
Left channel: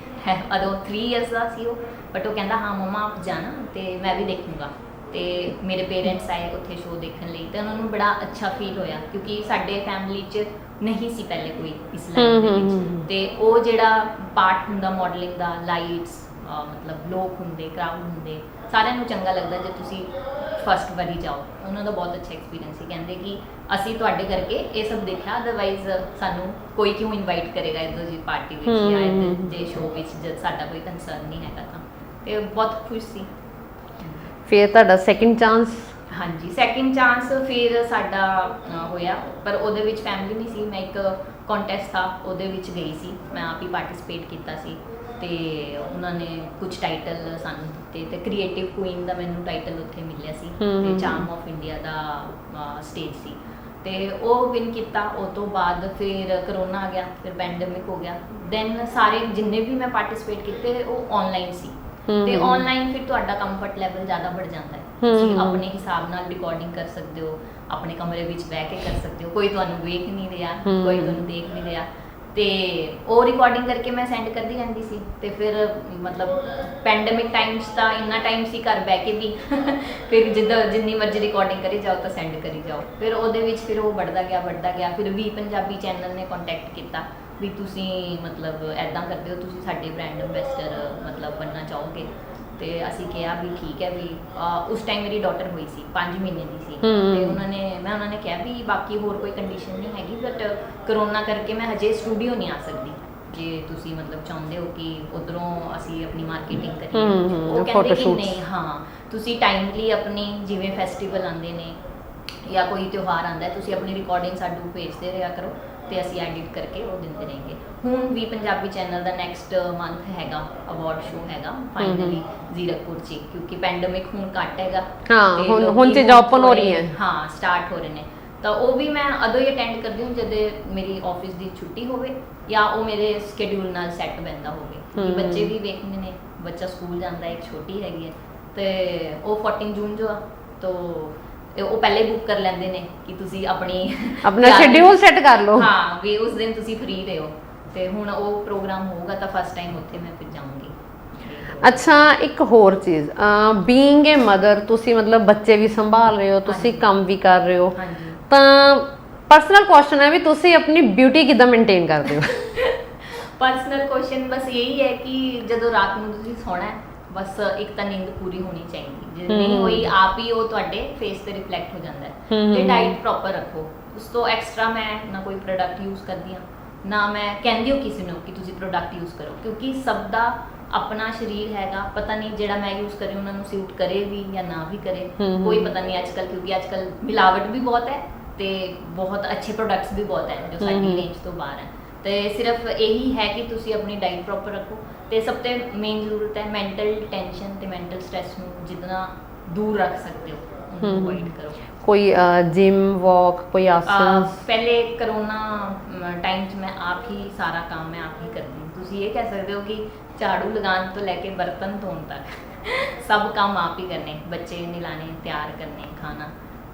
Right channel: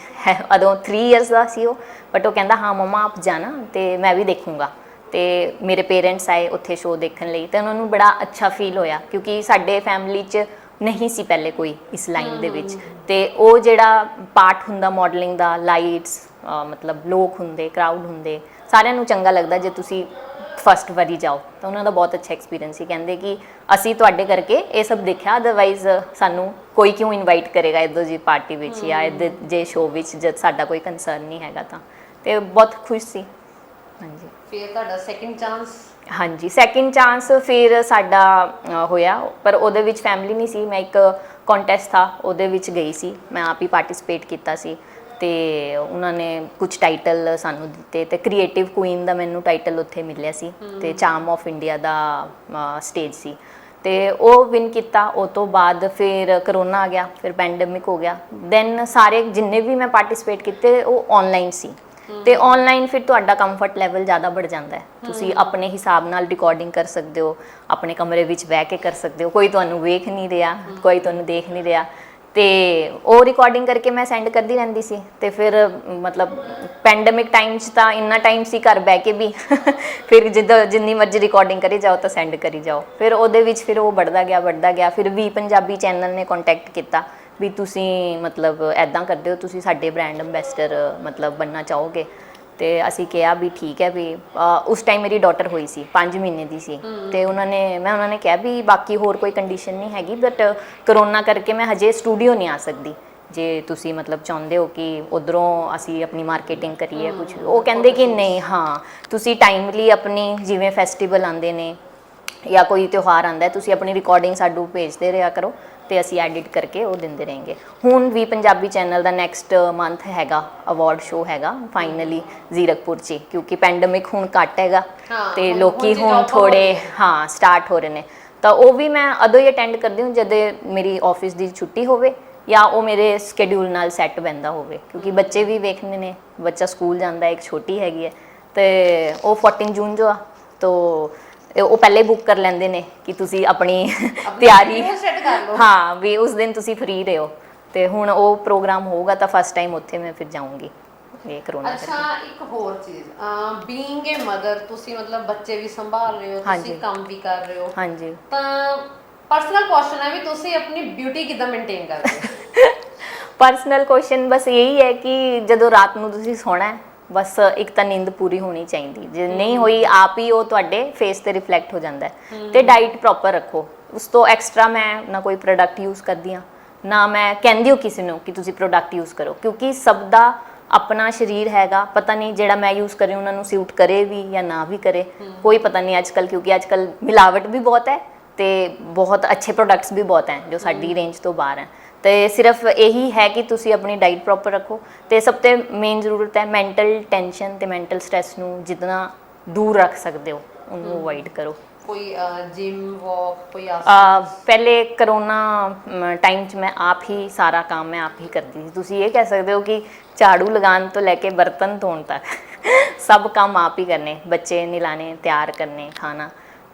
ਉਦੋਂ 3 ਇਅਰਸ ਦਾ ਸੀ ਉਹ, ਬਟ ਉਹ ਕਹਿੰਦਾ ਹਾਂ ਮਮਾ ਆਪ ਜਾਣਾ ਤੇ ਮੈਂ ਵੀ ਦੇਖੂੰਗਾ। ਤੇ ਮੇਰੇ ਪੇਰੈਂਟਸ ਆਏ ਉੱਥੇ ਸ਼ੋਅ ਦੇਖਣ ਲਈ ਤੇ ਉਹਨਾਂ ਨੂੰ ਬੜਾ ਅੱਛਾ ਫੀਲ ਹੋਇਆ ਕਿਉਂਕਿ ਸਾਡੇ ਫੈਮਿਲੀ 'ਚ ਨਹੀਂ ਸੀ ਪਹਿਲੇ ਕੋਈ ਇਸ ਲਾਈਨ ਦੇ ਵਿੱਚ। ਤੇ ਉਹ ਜਿਹੜਾ ਪਾਰਟ ਹੁੰਦਾ ਮਾਡਲਿੰਗ ਦਾ, ਲਾਈਟਸ, ਮਤਲਬ ਲੋਕ ਹੁੰਦੇ, ਕਰਾਊਡ ਹੁੰਦੇ, ਸਾਰਿਆਂ ਨੂੰ ਚੰਗਾ ਲੱਗਦਾ ਜੇ ਤੁਸੀਂ ਫਸਟ ਵਾਰੀ ਜਾਓ। ਤਾਂ ਉਹਨਾਂ ਦਾ ਬਹੁਤ ਅੱਛਾ ਐਕਸਪੀਰੀਅੰਸ ਸੀ। ਕਹਿੰਦੇ ਕਿ ਅਸੀਂ ਤੁਹਾਡੇ ਕਰਕੇ ਇਹ ਸਭ ਦੇਖਿਆ, ਅਦਰਵਾਈਜ਼ ਸਾਨੂੰ ਕੋਈ ਕਿਉਂ ਇਨਵਾਈਟ ਕਰੇਗਾ ਇੱਦਾਂ ਜੀ ਪਾਰਟੀ ਵਿੱਚ ਜਾਂ ਇੱਦਾਂ ਜੇ ਸ਼ੋਅ ਵਿੱਚ ਜਦ ਸਾਡਾ ਕੋਈ ਕੰਸਰਨ ਨਹੀਂ ਹੈਗਾ। ਤਾਂ ਤੇ ਬਹੁਤ ਖੁਸ਼ ਸੀ। ਹਾਂਜੀ, ਫਿਰ ਤੁਹਾਡਾ ਸੈਕਿੰਡ ਚਾਂਸ? ਹਾਂਜੀ, ਸੈਕਿੰਡ ਚਾਂਸ ਫਿਰ ਸਾਡਾ ਹੋਇਆ, ਪਰ ਉਹਦੇ ਵਿੱਚ ਫੈਮਿਲੀ ਨਹੀਂ ਸੀ। ਮੈਂ ਇੱਕ ਕੰਟੈਸਟ ਥਾ ਉਹਦੇ ਵਿੱਚ ਗਈ ਸੀ, ਮੈਂ ਆਪ ਹੀ ਪਾਰਟਿਸਿਪੇਟ ਕੀਤਾ ਸੀ। ਤੇ ਉਹਨਾਂ ਨੇ ਕੁਝ ਟਾਈਟਲ ਸਾਨੂੰ ਦਿੱਤੇ ਤੇ ਕ੍ਰੀਏਟਿਵ ਕੁਈਨ ਦਾ ਮੈਨੂੰ ਟਾਈਟਲ ਉੱਥੇ ਮਿਲਿਆ ਸੀ ਤੇ ਚਾਰਮ ਆਫ ਇੰਡੀਆ ਦਾ ਸਟੇਜ ਸੀ ਤੇ ਉਹ ਵਿਨ ਕੀਤਾ। ਉਹ ਤੋਂ ਬਾਅਦ ਫਿਰ ਕਰੋਨਾ ਆ ਗਿਆ, ਫਿਰ ਪੈਂਡੇਮਿਕ ਹੋ ਗਿਆ। ਦੈਨ ਸਾਰੇ ਜਿੰਨੇ ਵੀ ਮੈਂ ਪਾਰਟਿਸਿਪੇਟ ਕੀਤੇ ਉਹ ਆਨਲਾਈਨ ਸੀ ਤੇ ਆਨਲਾਈਨ ਫਿਰ ਤੁਹਾਡਾ ਕੰਫਰਟ ਲੈਵਲ ਜ਼ਿਆਦਾ बढ़ ਜਾਂਦਾ ਹੈ। ਤੁਸੀਂ ਆਪਣੇ ਹਿਸਾਬ ਨਾਲ ਰਿਕਾਰਡਿੰਗ ਕਰ ਸਕਦੇ ਹੋ, ਆਪਣੇ ਕਮਰੇ ਵਿੱਚ ਬਹਿ ਕੇ ਕਰ ਸਕਦੇ ਹੋ, ਕੋਈ ਤੁਹਾਨੂੰ ਵੇਖ ਨਹੀਂ ਰਿਹਾ, ਕੋਈ ਤੁਹਾਨੂੰ ਦੇਖ ਨਹੀਂ ਰਿਹਾ। ਤੇ ਉਹ ਰਿਕਾਰਡਿੰਗ ਕਰਕੇ ਮੈਂ ਸੈਂਡ ਕਰਦੀ ਰਹਿੰਦੀ ਸੀ। ਤੇ ਫਿਰ ਮਤਲਬ ਪੈਂਡੇਮਿਕ ਟਾਈਮਸ ਤਾਂ ਇੰਨਾ ਟਾਈਮ ਸੀ ਘਰ ਬਹਿ ਕੇ ਵੀ ਫਿਰ ਜਿੰਨੀ ਮਰਜ਼ੀ ਰਿਕਾਰਡਿੰਗ ਕਰੀ ਜਾਓ ਤਾਂ ਸੈਂਡ ਕਰੀ ਜਾਓ। ਫਿਰ ਉਹਦੇ ਵਿੱਚ ਫਿਰ ਉਹ बढ़ਦਾ ਗਿਆ। ਫਿਰ ਵੀ ਪੰਜਾਬੀ ਚੈਨਲ ਨੇ ਕੰਟੈਕਟ ਕੀਤਾ ਵੀ ਤੁਸੀਂ ਮਤਲਬ ਐਦਾਂ ਕਰਦੇ ਹੋ, ਤੁਸੀਂ ਸਾਡੇ ਬ੍ਰਾਂਡ ਅੰਬੈਸਡਰ ਮਤਲਬ ਬਣਨਾ ਚਾਹੋਗੇ। ਤੇ ਅਸੀਂ ਕਿਹਾ ਵੀ ਠੀਕ ਹੈ ਵੀ ਉਸ ਟਾਈਮ ਮੇਰੀ ਡਾਟਰ ਹੋਈ ਸੀ, 5 ਮਹੀਨੇ ਦੀ ਸੀ। ਤੇ ਉਹਨਾਂ ਨੇ ਕਿਹਾ ਵੀ ਬਾਕੀ ਹੋਰ ਕੋਈ ਕੰਡੀਸ਼ਨ ਨਹੀਂ ਹੈਗੀ, ਬਟ ਕਰੋਨਾ ਕਰਕੇ ਮੈਂ ਹਜੇ ਸਟੂਡੀਓ ਨਹੀਂ ਆ ਸਕਦੀ। ਜੇ ਤੁਸੀਂ ਮਤਲਬ ਚਾਹੁੰਦੇ ਹੋ ਕਿ ਉਧਰੋਂ ਅਸੀਂ ਆਪਣੀ ਮਾਰਕੀਟਿੰਗ ਕਰੀਏ ਕੁਝ, ਉਹ ਕਹਿੰਦੇ ਕਿ ਨਹੀਂ, ਹਾਂ ਤੁਸੀਂ ਟਾਈਮਲੀ ਆਪਣੀ, ਜਿਵੇਂ ਫੈਸਟੀਵਲ ਆਉਂਦੇ ਨੇ ਜਾਂ ਕੋਈ ਤਿਉਹਾਰ ਆਉਂਦਾ, ਤੁਸੀਂ ਆਪਣੀ ਰਿਕਾਰਡਿੰਗ ਸਾਨੂੰ ਭੇਜਦੇ ਰਿਹਾ ਕਰੋ ਤੇ ਅਸੀਂ ਐਡਿਟ ਕਰਕੇ ਉਹ ਦਿੰਦੇ रहेंगे। ਹੁਣ ਵੀ ਪੰਜਾਬੀ ਚੈਨਲ ਦਾ ਨੈਕਸਟ ਮੰਥ ਹੈਗਾ ਅਵਾਰਡ ਸ਼ੋਅ ਹੈਗਾ ਫਾਈਨਲੀ ਜ਼ੀਰਕਪੁਰ 'ਚ, ਕਿਉਂਕਿ ਪੈਂਡੇਮਿਕ ਹੁਣ ਘੱਟ ਹੈਗਾ ਤੇ ਲੋਕੀ ਹੁਣ ਥੋੜੇ ਸਟਾਰਟ ਹੋ ਰਹੇ ਨੇ। ਤਾਂ ਉਹ ਵੀ ਮੈਂ ਉਦੋਂ ਹੀ ਅਟੈਂਡ ਕਰਦੀ ਹਾਂ ਜਦ ਮੇਰੀ ਆਫਿਸ ਦੀ ਛੁੱਟੀ ਹੋਵੇ ਜਾਂ ਉਹ ਮੇਰੇ ਸ਼ਡਿਊਲ ਨਾਲ ਸੈੱਟ ਬੈਂਦਾ ਹੋਵੇ, ਕਿਉਂਕਿ ਬੱਚੇ ਵੀ ਵੇਖਣੇ ਨੇ। ਬੱਚਾ ਸਕੂਲ ਜਾਂਦਾ, ਇੱਕ ਛੋਟੀ ਹੈਗੀ ਹੈ ਤੇ ਉਹ 14 ਜੂਨ ਜੋ ਆ ਤੋ ਉਹ ਪਹਿਲੇ ਬੁੱਕ ਕਰ ਲੈਂਦੇ ਨੇ ਕਿ ਤੁਸੀਂ ਆਪਣਾ ਸ਼ਡਿਊਲ ਸੈੱਟ ਕਰ ਲਓ। ਹਾਂ, ਵੀ ਉਸ ਦਿਨ ਤੁਸੀਂ ਫ੍ਰੀ ਰਹੋ। ਤੇ ਹੁਣ ਉਹ ਪ੍ਰੋਗਰਾਮ ਹੋਊਗਾ ਤਾਂ ਫਸਟ ਟਾਈਮ ਉੱਥੇ ਮੈਂ ਫਿਰ ਜਾਊਂਗੀ। ਅੱਛਾ, ਇੱਕ ਹੋਰ ਚੀਜ਼, ਬੀਇੰਗ ਏ ਮਦਰ, ਤੁਸੀਂ ਮਤਲਬ ਬੱਚੇ ਵੀ ਸੰਭਾਲ ਰਹੇ ਹੋ, ਤੁਸੀਂ ਕੰਮ ਵੀ ਕਰ ਰਹੇ ਹੋ। ਹਾਂਜੀ, ਤਾਂ ਪਰਸਨਲ ਕੁਐਸਚਨ ਹੈ ਵੀ ਤੁਸੀਂ ਆਪਣੀ ਬਿਊਟੀ ਕਿੱਦਾਂ ਮੇਨਟੇਨ ਕਰਦੇ ਹੋ? ਪਰਸਨਲ ਕੁਐਸਚਨ ਬਸ ਇਹੀ ਹੈ ਕਿ ਜਦੋਂ ਰਾਤ ਨੂੰ ਤੁਸੀਂ ਸੌਣਾ ਹੈ, ਬਸ ਇੱਕ ਤਾਂ ਨੀਂਦ ਪੂਰੀ ਹੋਣੀ ਚਾਹੀਦੀ। ਜੇ ਨਹੀਂ ਹੋਈ, ਆਪ ਹੀ ਉਹ ਤੁਹਾਡੇ ਫੇਸ ਤੇ ਰਿਫਲੈਕਟ ਹੋ ਜਾਂਦਾ ਹੈ। ਤੇ ਡਾਈਟ ਪ੍ਰੋਪਰ ਰੱਖੋ। ਉਸ ਤੋਂ ਐਕਸਟਰਾ ਮੈਂ ਨਾ ਕੋਈ ਪ੍ਰੋਡਕਟ ਯੂਜ਼ ਕਰਦੀ ਹਾਂ, ਨਾ ਮੈਂ ਕਹਿੰਦੀ ਹਾਂ ਕਿਸੇ ਨੂੰ ਕਿ ਤੁਸੀਂ ਪ੍ਰੋਡਕਟ ਯੂਜ਼ ਕਰੋ, ਕਿਉਂਕਿ ਸਭ ਦਾ ਆਪਣਾ ਸਰੀਰ ਹੈਗਾ। ਪਤਾ ਨਹੀਂ ਜਿਹੜਾ ਮੈਂ ਯੂਜ਼ ਕਰ ਰਹੀ ਉਹਨਾਂ ਨੂੰ ਸੂਟ ਕਰੇ ਵੀ ਜਾਂ ਨਾ ਵੀ ਕਰੇ, ਕੋਈ ਪਤਾ ਨਹੀਂ ਅੱਜ ਕੱਲ੍ਹ, ਕਿਉਂਕਿ ਅੱਜ ਕੱਲ੍ਹ ਮਿਲਾਵਟ ਵੀ ਬਹੁਤ ਹੈ ਤੇ ਬਹੁਤ ਅੱਛੇ ਪ੍ਰੋਡਕਟਸ ਵੀ ਬਹੁਤ ਹੈ ਜੋ ਸਾਡੀ ਰੇਂਜ ਤੋਂ ਬਾਹਰ ਹੈ। ਤੇ ਸਿਰਫ ਇਹੀ ਹੈ ਕਿ ਤੁਸੀਂ ਆਪਣੀ ਡਾਈਟ ਪ੍ਰੋਪਰ ਰੱਖੋ। ਤੇ ਸਭ ਤੋਂ ਮੇਨ ਜ਼ਰੂਰਤ ਹੈ ਮੈਂਟਲ ਟੈਨਸ਼ਨ ਤੇ ਮੈਂਟਲ ਸਟ੍ਰੈਸ ਨੂੰ ਜਿੰਨਾ ਦੂਰ ਰੱਖ ਸਕਦੇ ਹੋ ਉਹਨੂੰ ਅਵੋਇਡ ਕਰੋ। ਕੋਈ ਜਿਮ, ਵਾਕ, ਕੋਈ ਆਸਨ? ਪਹਿਲੇ ਕਰੋਨਾ ਟਾਈਮ 'ਚ ਮੈਂ ਆਪ ਹੀ ਸਾਰਾ ਕੰਮ ਮੈਂ ਆਪ ਹੀ ਕਰਦੀ ਸੀ। ਤੁਸੀਂ ਇਹ ਕਹਿ ਸਕਦੇ ਹੋ ਕਿ ਝਾੜੂ ਲਗਾਉਣ ਤੋਂ ਲੈ ਕੇ ਬਰਤਨ ਧੋਣ ਤੱਕ ਸਭ ਕੰਮ ਆਪ ਹੀ ਕਰਨੇ, ਬੱਚੇ ਨਹਿਲਾਣੇ, ਤਿਆਰ ਕਰਨੇ, ਖਾਣਾ,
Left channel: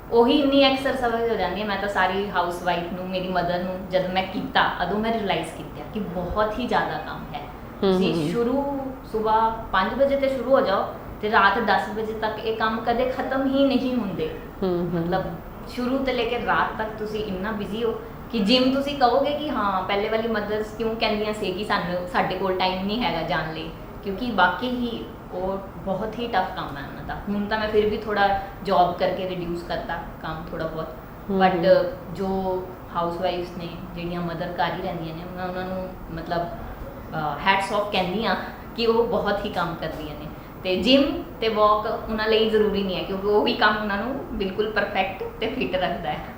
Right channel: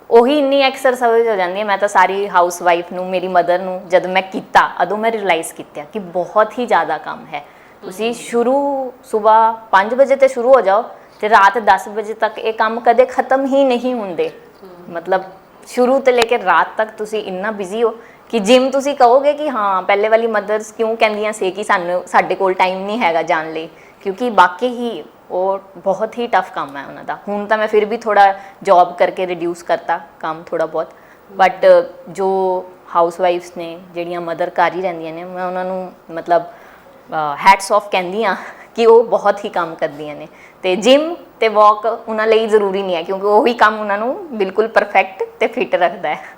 ਉਹੀ ਇੰਨੀ ਐਕਸਰਸਾਈਜ਼ ਹੋ ਜਾਂਦੀ ਹੈ। ਮੈਂ ਤਾਂ ਸਾਰੀ ਹਾਊਸ ਵਾਈਫ ਨੂੰ, ਮੇਰੀ ਮਦਰ ਨੂੰ ਜਦ ਮੈਂ ਕੀਤਾ ਉਦੋਂ ਮੈਂ ਰਿਅਲਾਈਜ਼ ਕੀਤਾ ਕਿ ਬਹੁਤ ਹੀ ਜ਼ਿਆਦਾ ਕੰਮ ਹੈ। ਤੁਸੀਂ ਸਵੇਰ 5 ਵਜੇ ਤੇ ਸ਼ੁਰੂ ਹੋ ਜਾਓ ਤੇ ਰਾਤ 10 ਵਜੇ ਤੱਕ ਇਹ ਕੰਮ ਕਦੇ ਖਤਮ ਹੀ ਨਹੀਂ ਹੁੰਦੇ। ਮਤਲਬ ਸ਼ੁਰੂ ਤੋਂ ਲੈ ਕੇ ਰਾਤ ਤੱਕ ਤੁਸੀਂ ਇੰਨਾ ਬਿਜ਼ੀ ਹੋ ਕਿ ਜਿਮ ਤੁਸੀਂ ਕਹੋਗੇ ਕਿ ਹਾਂ ਪਹਿਲੇ ਵਾਲੀ ਮਦਰਸ ਕਿਉਂ ਕਹਿੰਦੀਆਂ ਸੀ ਕਿ ਸਾਨੂੰ ਸਾਡੇ ਕੋਲ ਟਾਈਮ ਨਹੀਂ ਹੈਗਾ ਜਾਣ ਲਈ, ਕਿਉਂਕਿ ਬਾਕੀ ਹੀ ਉਹ ਬਹੁਤ ਹੀ ਟਫ ਕੰਮ ਹੈ ਉਹਨਾਂ ਦਾ। ਹੁਣ ਤਾਂ ਮੈਂ ਫਿਰ ਵੀ ਥੋੜਾ ਜੌਬ ਕਰਕੇ ਰਿਡਿਊਸ ਕਰਤਾ ਕੰਮ ਥੋੜਾ ਬਹੁਤ, ਬਟ ਜੋ ਹਾਊਸ ਵਾਈਫਸ ਨੇ ਜਿਹੜੀਆਂ ਮਦਰ ਘਰ ਹੀ ਰਹਿੰਦੀਆਂ ਨੇ, ਮੈਂ ਉਹਨਾਂ ਨੂੰ ਮਤਲਬ ਹੈਟਸ ਆਫ ਕਹਿੰਦੀ ਹਾਂ ਕਿ ਉਹ ਬਹੁਤ ਹੀ ਕੰਮ ਕਰਦੀਆਂ ਨੇ। ਤੇ ਜਿਮ ਤੇ ਵਾਕ ਉਹਨਾਂ ਲਈ ਜ਼ਰੂਰੀ ਨਹੀਂ ਹੈ, ਕਿਉਂਕਿ ਉਹੀ ਕੰਮ ਉਹਨਾਂ ਨੂੰ ਬਿਲਕੁਲ ਪਰਫੈਕਟ ਤੇ ਫਿਟ ਰੱਖਦਾ ਹੈ।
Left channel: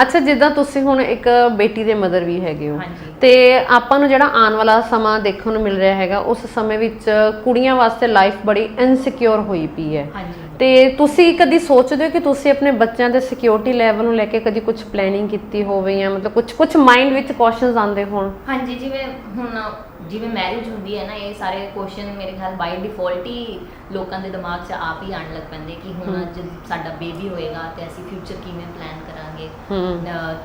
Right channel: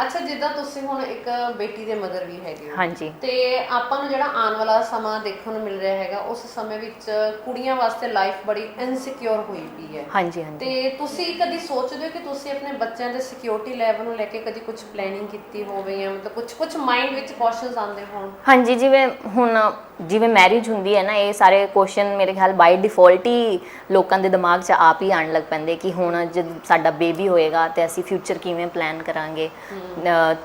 ਅੱਛਾ, ਜਿੱਦਾਂ ਤੁਸੀਂ ਹੁਣ ਇੱਕ ਬੇਟੀ ਦੇ ਮਦਰ ਵੀ ਹੈਗੇ ਹੋ, ਹਾਂਜੀ। ਤੇ ਆਪਾਂ ਨੂੰ ਜਿਹੜਾ ਆਉਣ ਵਾਲਾ ਸਮਾਂ ਦੇਖਣ ਨੂੰ ਮਿਲ ਰਿਹਾ ਹੈਗਾ, ਉਸ ਸਮੇਂ ਵਿੱਚ ਕੁੜੀਆਂ ਵਾਸਤੇ ਲਾਈਫ ਬੜੀ ਇਨਸਿਕਿਉਰ ਹੋਈ ਪਈ ਹੈ। ਹਾਂਜੀ। ਤੇ ਤੁਸੀਂ ਕਦੀ ਸੋਚਦੇ ਹੋ ਕਿ ਤੁਸੀਂ ਆਪਣੇ ਬੱਚਿਆਂ ਦੇ ਸਿਕਿਉਰਿਟੀ ਲੈਵਲ ਨੂੰ ਲੈ ਕੇ ਕਦੀ ਕੁਝ ਪਲੈਨਿੰਗ ਕੀਤੀ ਹੋਵੇ, ਜਾਂ ਮਤਲਬ ਕੁਝ ਮਾਈਂਡ ਵਿੱਚ ਕੁਐਸਚਨਸ ਆਉਂਦੇ ਹੋਣ? ਹਾਂਜੀ, ਜਿਵੇਂ ਮੈਰਿਜ ਹੁੰਦੀ ਹੈ ਨਾ, ਇਹ ਸਾਰੇ ਕੁਐਸਚਨ ਮੇਰੇ ਖਿਆਲ ਬਾਈ ਡਿਫਾਲਟ ਹੀ ਲੋਕਾਂ ਦੇ ਦਿਮਾਗ 'ਚ ਆਪ ਹੀ ਆਉਣ ਲੱਗ ਪੈਂਦੇ ਕਿ ਹੁਣ ਜਦ ਸਾਡਾ ਬੇਬੀ ਹੋਏਗਾ ਤੇ ਅਸੀਂ ਫਿਊਚਰ ਕਿਵੇਂ ਪਲਾਨ ਕਰਾਂਗੇ।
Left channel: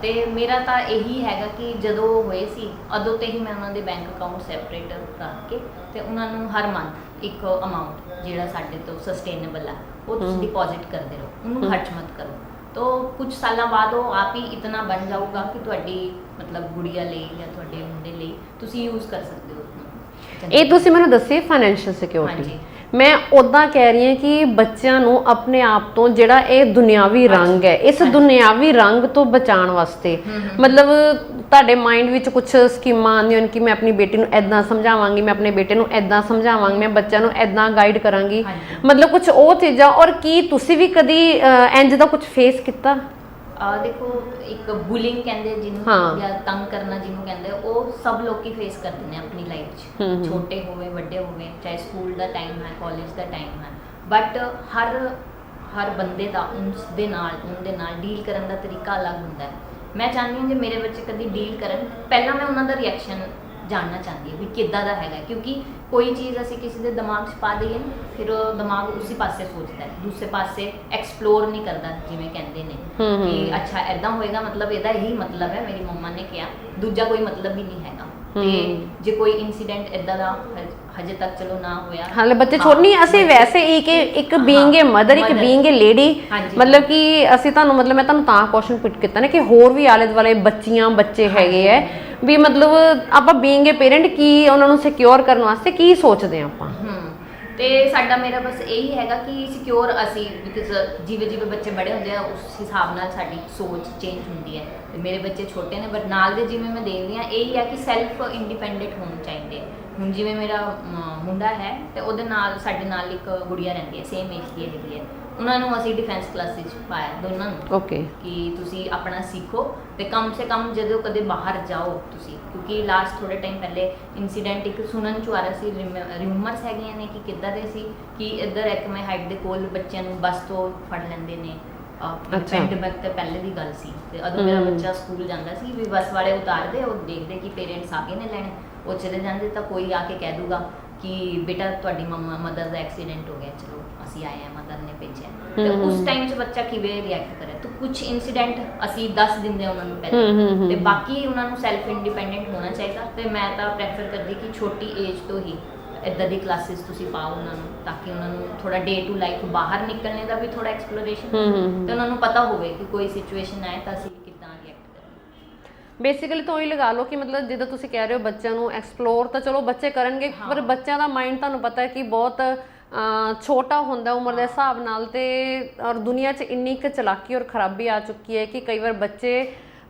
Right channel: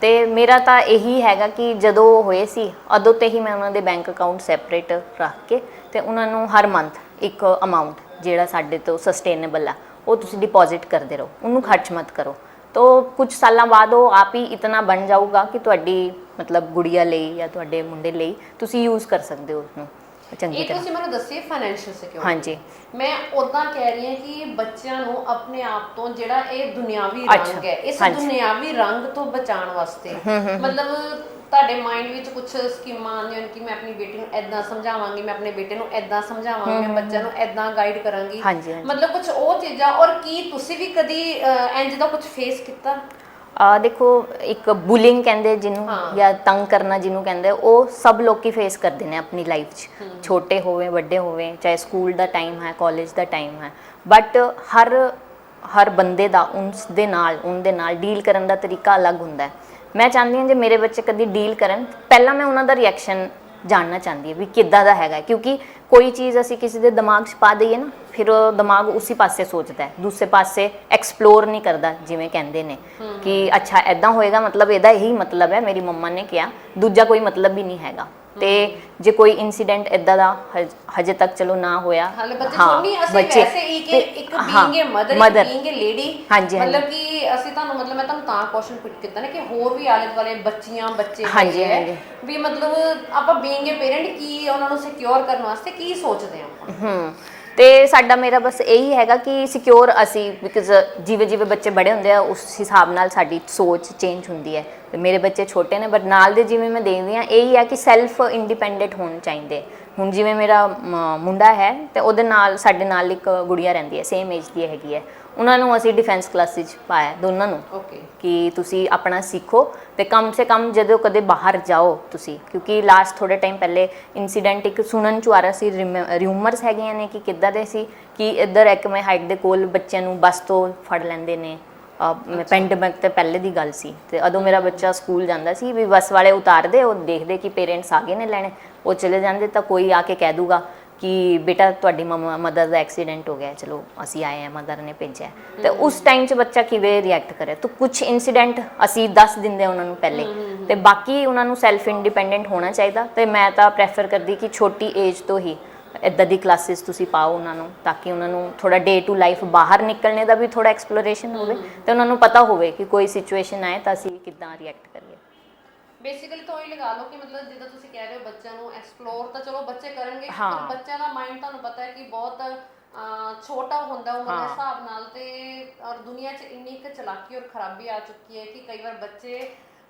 ਤੇ ਮੇਰਾ ਤਾਂ ਇਹੀ ਹੈਗਾ ਕਿ ਜਦੋਂ ਹੋਏ ਸੀ ਉਦੋਂ ਤੇ ਹੀ ਮੈਂ ਉਹਨਾਂ ਦੇ ਬੈਂਕ ਅਕਾਊਂਟ ਸੈਪਰੇਟ ਰੱਖ ਕੇ ਤੇ ਉਹਨਾਂ ਨੂੰ ਹਰ ਮੰਥ ਇੱਕ ਅਮਾਉਂਟ ਜਿਹੜਾ ਸਾਡੇ ਤੋਂ ਸਸਟੇਨੇਬਲ ਆ ਉਹ ਤੁਸੀਂ ਡਿਪੋਜ਼ਿਟ ਕਰਦੇ ਰਹੋ, ਉਹਨੂੰ ਖਰਚ ਮਤ ਕਰੋ। तो कुछ सालों बाद वो आप ही इतना बन जाऊगा कि तुहाडी मतलब गुड़िया ਲਈ ਜਾਂ ਤੁਹਾਡੇ ਮੁੰਡੇ ਲਈ ਤੁਸੀਂ ਯੂਜ਼ ਕਰ ਸਕਦੇ ਹੋ ਉਸਨੂੰ। ਇਹ ਤੁਸੀਂ ਮੈਨੂੰ ਦੱਸਿਆ ਫਾਈਨੈਂਸ਼ੀਅਲ ਸਿਕਿਉਰਿਟੀ। ਹਾਂਜੀ, ਮੈਂ ਉਦਾਂ ਕਹਿ ਰਹੀ ਹਾਂ ਕਿ ਬੱਚਿਆਂ ਨੂੰ ਆਪਣੇ ਆਪ ਤੋਂ ਜਿਹੜਾ ਇਹ ਦੁਨਿਆਵੀ ਰੰਗ ਹੈ, ਇਸ ਦੁਨਿਆਵੀ ਰੰਗ ਤੋਂ ਬਚਾਉਣ ਵਾਸਤੇ ਮਤਲਬ ਤੁਹਾਡੇ ਮਾਈਂਡ ਵਿੱਚ ਕੁਝ ਸਕੀਮਾਂ ਆਉਂਦੀਆਂ ਹਨ ਕਿ ਮੈਂ ਆਪਣੀ ਬੇਟੀ ਨੂੰ ਐਦਾਂ ਸਮਝਾਵਾਂਗੀ, ਮੈਂ ਆਪਣੇ ਬੇਟੇ ਨੂੰ ਐਦਾਂ ਸਮਝਾਵਾਂਗੀ, ਮੈਂ ਬੱਚਿਆਂ ਨੂੰ ਐਦਾਂ ਗਾਈਡ ਕਰਾਂਗੀ, ਮਤਲਬ ਕੁਝ ਉਹ ਚੀਜ਼ਾਂ। ਔਰ ਕੀ ਤੁਸੀਂ ਵੀ ਕਦੀ ਇੰਜ ਦਾ ਕੁਝ ਫੇਸ ਕੀਤਾ? देखो एक बुलिंग कहते जिन्हों या तंग करना जिन्हों कहते वो सब लोग फेस करते हैं अपनी लाइफ च, छोटे होवे बड़े होवे, चाहे स्कूल का टाइम है कॉलेज का टाइम है, बट हर बंदे का उनके नाल डील करने का तरीका अलग होंदा है। मैं चाहती हूँ जो मेरे बच्चे कभी डील करन पहला मैं उन्हों का रिएक्शन जानना चाहती हूँ भी किद्दां दा हैगा, क्योंकि कोई चीज़ असी किसी के दिमाग च पा दईए ना फिर दिमाग उसी पासे सोचता है, दूसरे पासे एक्सप्लोर नहीं करता जिवें कहंदे ने कि अच्छा ऐदां होएगा मतलब इहदा यही मतलब है, मेरी मम्मा ने कहा, दूजा कोई मतलब भी नहीं हैगा। ते जे कोई इंसीडेंट इदां दा हजे तक चलो ना होया, हाले बच्चे छोड़ नहीं असि वैसे एक बीइंग ए मदर, एक बीइंग ए लेडी, मतलब कि असि तानू मतलब मैं तानू तां क्वेश्चन पुट कीता ना कि होर भी आले दुआले बच्चियां बच्चे हैगे है भी मतलब ਆਪਾਂ बीइंग ए पेरेंट की ਉਹਨਾਂ ਨੂੰ ਸਿਕਿਉਰ ਕਰਨ ਵਾਸਤੇ ਕੀ ਸੋਚਦੇ ਆਪਾਂ? ਤੇ ਸਾਡਾ ਮੇਰਾ ਬਸ ਇਹੀ ਹੈਗਾ ਕਿ ਸਿਕਿਉਰ ਅਸੀਂ ਬਿਕਾਜ਼ ਜਿਵੇਂ ਜਿਵੇਂ ਬੱਚੇ ਬੜੇ ਹੁੰਦੇ ਆ ਉਸ ਹਿਸਾਬ ਨਾਲ ਸਾਡੀ ਸੋਚ ਚੇਂਜ ਹੁੰਦੀ ਹੈ। ਤੇ ਮੇਰੇ ਬੱਚੇ ਛੋਟੇ ਨੇ ਬਟ ਨਾਲ ਦੇ ਜਿਵੇਂ ਮੈਂ ਦੇਖਦੀ ਹਾਂ ਇਹੀ ਹੈ ਕਿ ਸੈਲਫ ਇੰਡੀਪੈਂਡੈਂਟ ਹੋਣੇ ਚਾਹੀਦੇ। ਹੁਣ ਜਿਵੇਂ ਮੇਰਾ ਮੁੰਡਾ ਹੈ ਤੇ ਉਹਦੇ ਨਾਲ ਸਾਡੇ ਨਾਲ ਇੱਕ ਗੁੜੀਆ ਰਹਿੰਦੀ ਹੈ, ਸੇਮ ਏਜ ਦੀ ਹੈਗੀ ਹੈ, ਉਹਨਾਂ ਨੂੰ ਅਸੀਂ ਡਿਫੈਂਸ ਕਲਾਸਿਸ ਪਾਇਆ ਦੋਨਾਂ ਨੂੰ। ਓਕੇ, ਕਿ ਤੁਸੀਂ ਆਪਣਾ ਸਿੱਖੋ ਤੇ ਕਮ ਸੇ ਕਮ ਜਦੋਂ ਕਦੇ ਬਾਹਰ ਜਾਓ ਤੁਸੀਂ, ਕਿਉਂਕਿ ਲਾਸਟ ਥੋੜੇ ਟਾਈਮ ਪਹਿਲੇ ਇਨਸੀਡੈਂਟ ਇੱਕ ਸੁਣਨ ਚ ਆ ਰਿਹਾ ਸੀ, ਰਿਊਮਰਸ ਹੈਗੀਆਂ ਨੇ ਕਿ ਕਿੱਦਾਂ ਦੇ ਸੀ ਕਿ ਇੱਧਰ ਇੱਕ ਮੈਂ ਹਾਈਟ ਦੇ ਕੋਲ ਬੱਚਿਆਂ ਨੂੰ ਬੱਸ ਤੋਂ ਫੜ ਲੈਂਦੇ ਨੇ। ਪੈਂਡੇਮਿਕ ਤੇ ਪਹਿਲੇ ਦੀ ਗੱਲ ਸੀ ਤੇ ਉਦੋਂ ਮੇਰਾ ਬੱਚਾ ਸਕੂਲ ਜਾਂਦਾ ਸੀ ਵੀ ਬੱਸ ਵਾਲੇ ਉਤਾਰਦੇ, ਉਹ ਦੇਖਦੇ ਕਿ ਪੇਰੈਂਟਸ ਆ ਗਏ ਨੇ ਲੈਣੇ, ਉਹ ਚਲੇ ਜਾਂਦੇ ਤਾਂ ਕੋਈ ਆ ਕੇ ਕਹਿ ਦੂਗਾ कि बेटा तुहाडी मदर का एक्सीडेंट हो गया, चलो असी आए हैं, मदर ने भेजा। तो उस टाइम च बच्चा किवें रिएक्ट करे? तो कुछ इंसीडेंट असी दस दिंदे उन्होंने पहले ते बाकी उन्होंने सैल्फ इंडिपेंडेंट होना चाहिए। तो मैं तो प्रैफर करती कि छोटी एज तो ही इदां दी क्लासिस तुसी पाओ उन्होंने, ताकि उन्होंने थोड़ा डे टू लाइफ बाहर निकलने का भी थोड़ा एक्सप्लोरेशन होवे ते उन्होंने पता होवे कि कोई सिचुएशन आए तो असी किदां रिएक्ट करिए। बेसिकली तो ही लगा लो कि मतलब जिद्दां तुसीं कह रहे हो बच्चों ਨੂੰ एक्सप्लोर ਤਾਂ ਚਲੋ ਬੱਚੇ ਕਰਨਗੇ, ਪਰ ਬੱਚਿਆਂ ਦਾ ਮਾਈਂਡ ਤੁਹਾਨੂੰ ਪਤਾ ਹੈ ਕਿ ਬਹੁਤ ਛੋਟਾ ਹੁੰਦਾ ਉਮਰ ਦੇ ਹਿਸਾਬ ਨਾਲ, ਤੇ ਔਰ ਦੁਨੀਆ 'ਚ ਇੰਨੀ ਕੁ ਚਲਾਕੀ ਔਰ ਖਰਾਬੀ ਆ ਚੁੱਕੀ ਹੈ ਕਿ ਕਈ ਵਾਰ ਬੱਚੇ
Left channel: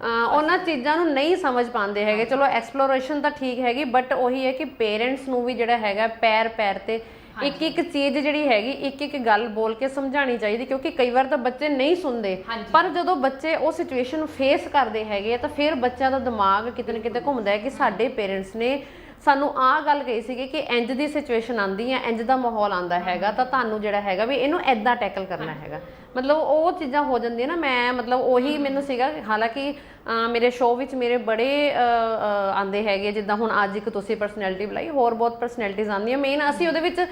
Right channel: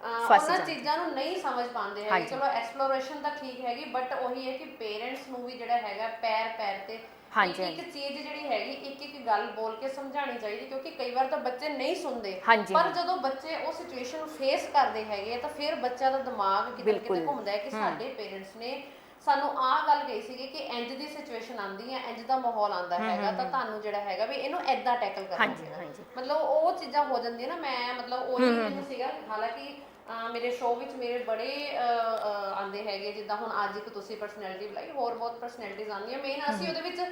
ਉਹਨਾਂ ਚੀਜ਼ਾਂ ਨੂੰ ਨਹੀਂ ਸਮਝ ਪਾਉਂਦੇ ਹੈਗੇ। ਚਲੋ ਐਕਸਪਲੋਰੇਸ਼ਨ ਤਾਂ ਠੀਕ ਹੈਗੀ, ਬਟ ਉਹੀ ਹੈ ਕਿ ਪੇਰੈਂਟਸ ਨੂੰ ਵੀ ਜਿਹੜਾ ਹੈਗਾ ਪੈਰ ਪੈਰ ਤੇ ਇੱਕ ਇੱਕ ਚੀਜ਼ ਜਿਹੜੀ ਹੈਗੀ ਇੱਕ ਇੱਕ ਗੱਲ ਬੋਲ ਕੇ ਸਮਝਾਣੀ ਚਾਹੀਦੀ, ਕਿਉਂਕਿ ਕਈ ਵਾਰ ਤਾਂ ਬੱਚੇ ਨਹੀਂ ਸੁਣਦੇ, ਪਰ ਜਦੋਂ ਬੱਚੇ ਉਹ ਸਿਚੁਏਸ਼ਨ ਨੂੰ ਫੇਸ ਕਰਦੇ ਹੈਗੇ ਆ ਤਾਂ ਫਿਰ ਬੱਚਿਆਂ ਦਾ ਦਿਮਾਗ ਕਿਤੇ ਨਾ ਕਿਤੇ ਘੁੰਮਦਾ ਹੈ ਕਿ ਸਾਡੇ ਪੇਰੈਂਟਸ ਨੇ ਸਾਨੂੰ ਆਹ ਗੱਲ ਕਹੀ ਸੀਗੀ ਕਿ ਇੰਜ ਦੀ ਸਿਚੁਏਸ਼ਨ ਆਂਦੀ ਹੈ, ਇੰਜ ਦਾ ਮਾਹੌਲ ਆਂਦਾ ਹੈਗਾ ਤਾਂ ਤੁਹਾਨੂੰ ਜਿਹੜਾ ਹੈਗਾ ਵੀ ਇਹਨੂੰ ਐਦਾਂ ਟੈਕਲ ਕਰਨਾ ਹੈਗਾ। ਮਤਲਬ ਉਹ ਚੀਜ਼ਾਂ ਹੋ ਜਾਂਦੀਆਂ ਨਾ। ਮੈਂ ਮਤਲਬ ਉਹੀ ਮੈਨੂੰ ਸੀਗਾ, ਹਾਲਾਂਕਿ ਮੇਰੇ ਸ਼ੋਅ ਵਿੱਚ ਮੇਰੇ ਬੜੇ ਆਂਦੇ ਹੈਗੇ, ਜਿੱਦਾਂ ਹੁਣ ਅੱਜ ਇੱਕ ਤੁਸੀਂ ਪਰਸਨੈਲਿਟੀ ਬੁਲਾਈ, ਹੋਰ ਬਹੁਤ ਪਰਸਨੈਲਿਟੀਜ਼ ਆਉਂਦੀਆਂ। ਮੇਨ ਅਸੀਂ ਉਹਦੇ ਵਿੱਚ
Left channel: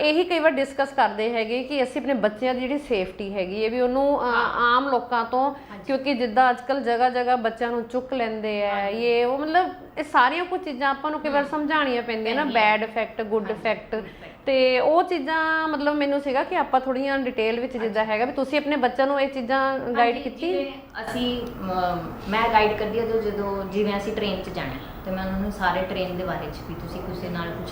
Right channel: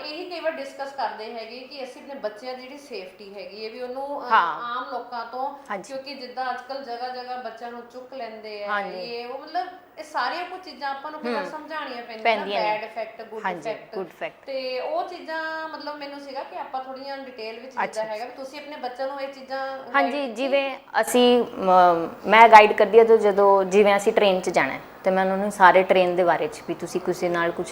ਇਹੀ ਕਈ ਵਾਰ ਡਿਸਕਸ ਕਰਦੇ ਹੈਗੇ ਕਿ ਅਸੀਂ ਆਪਣੇ ਬੱਚਿਆਂ ਦੀ ਜਿਹੜੀ ਸੇਫਟੀ ਹੈਗੀ ਹੈ ਵੀ ਉਹਨੂੰ ਆਮ ਲੋਕਾਂ ਤੋਂ, ਕਿਉਂਕਿ ਜਿੱਦਾਂ ਅੱਜ ਕੱਲ੍ਹ ਜਗ੍ਹਾ ਜਗ੍ਹਾ ਬੱਚਿਆਂ ਨੂੰ ਚੁੱਕ ਲੈਂਦੇ ਆ ਇਹ ਉਹ, ਮਤਲਬ ਇਹ ਸਾਰੀਆਂ ਕੁਝ ਚੀਜ਼ਾਂ ਆਪਾਂ ਨੂੰ ਕਈ ਵਾਰ ਸਮਝਾਉਣੀਆਂ ਪੈਂਦੀਆਂ ਨਾ, ਬੈਡ ਇਫੈਕਟ, ਗੁੱਡ ਇਫੈਕਟ, ਤੇ ਉਹ ਚੀਜ਼ਾਂ ਮਤਲਬ ਮੈਨੂੰ ਸੀਗਾ ਕਿ ਆਪਾਂ ਥੋੜੀਆਂ ਡਿਟੇਲ ਵਿੱਚ ਜਿੱਦਾਂ ਹੈਗਾ ਵੀ ਤੁਸੀਂ ਆਪਣੇ ਬੱਚਿਆਂ ਨੂੰ ਇਹ ਚੀਜ਼ਾਂ ਗਾਈਡ ਹਾਂਜੀ, ਜਿਵੇਂ ਅਸੀਂ ਮੈਂ ਗਾਈਡ ਕਰਦੀ ਹਾਂ ਜਦੋਂ ਜਿਵੇਂ ਅਸੀਂ ਟ੍ਰੇਨ 'ਚ ਜਾਣਾ ਹੈ, ਤੇ ਮੈਂ ਉਹਨਾਂ ਨੂੰ ਸਾਰੇ ਟ੍ਰੇਨ ਦੇ ਬਾਰੇ 'ਚ ਵੀ ਤੁਸੀਂ ਕਿਸੇ ਨਾਲ ਕੁਝ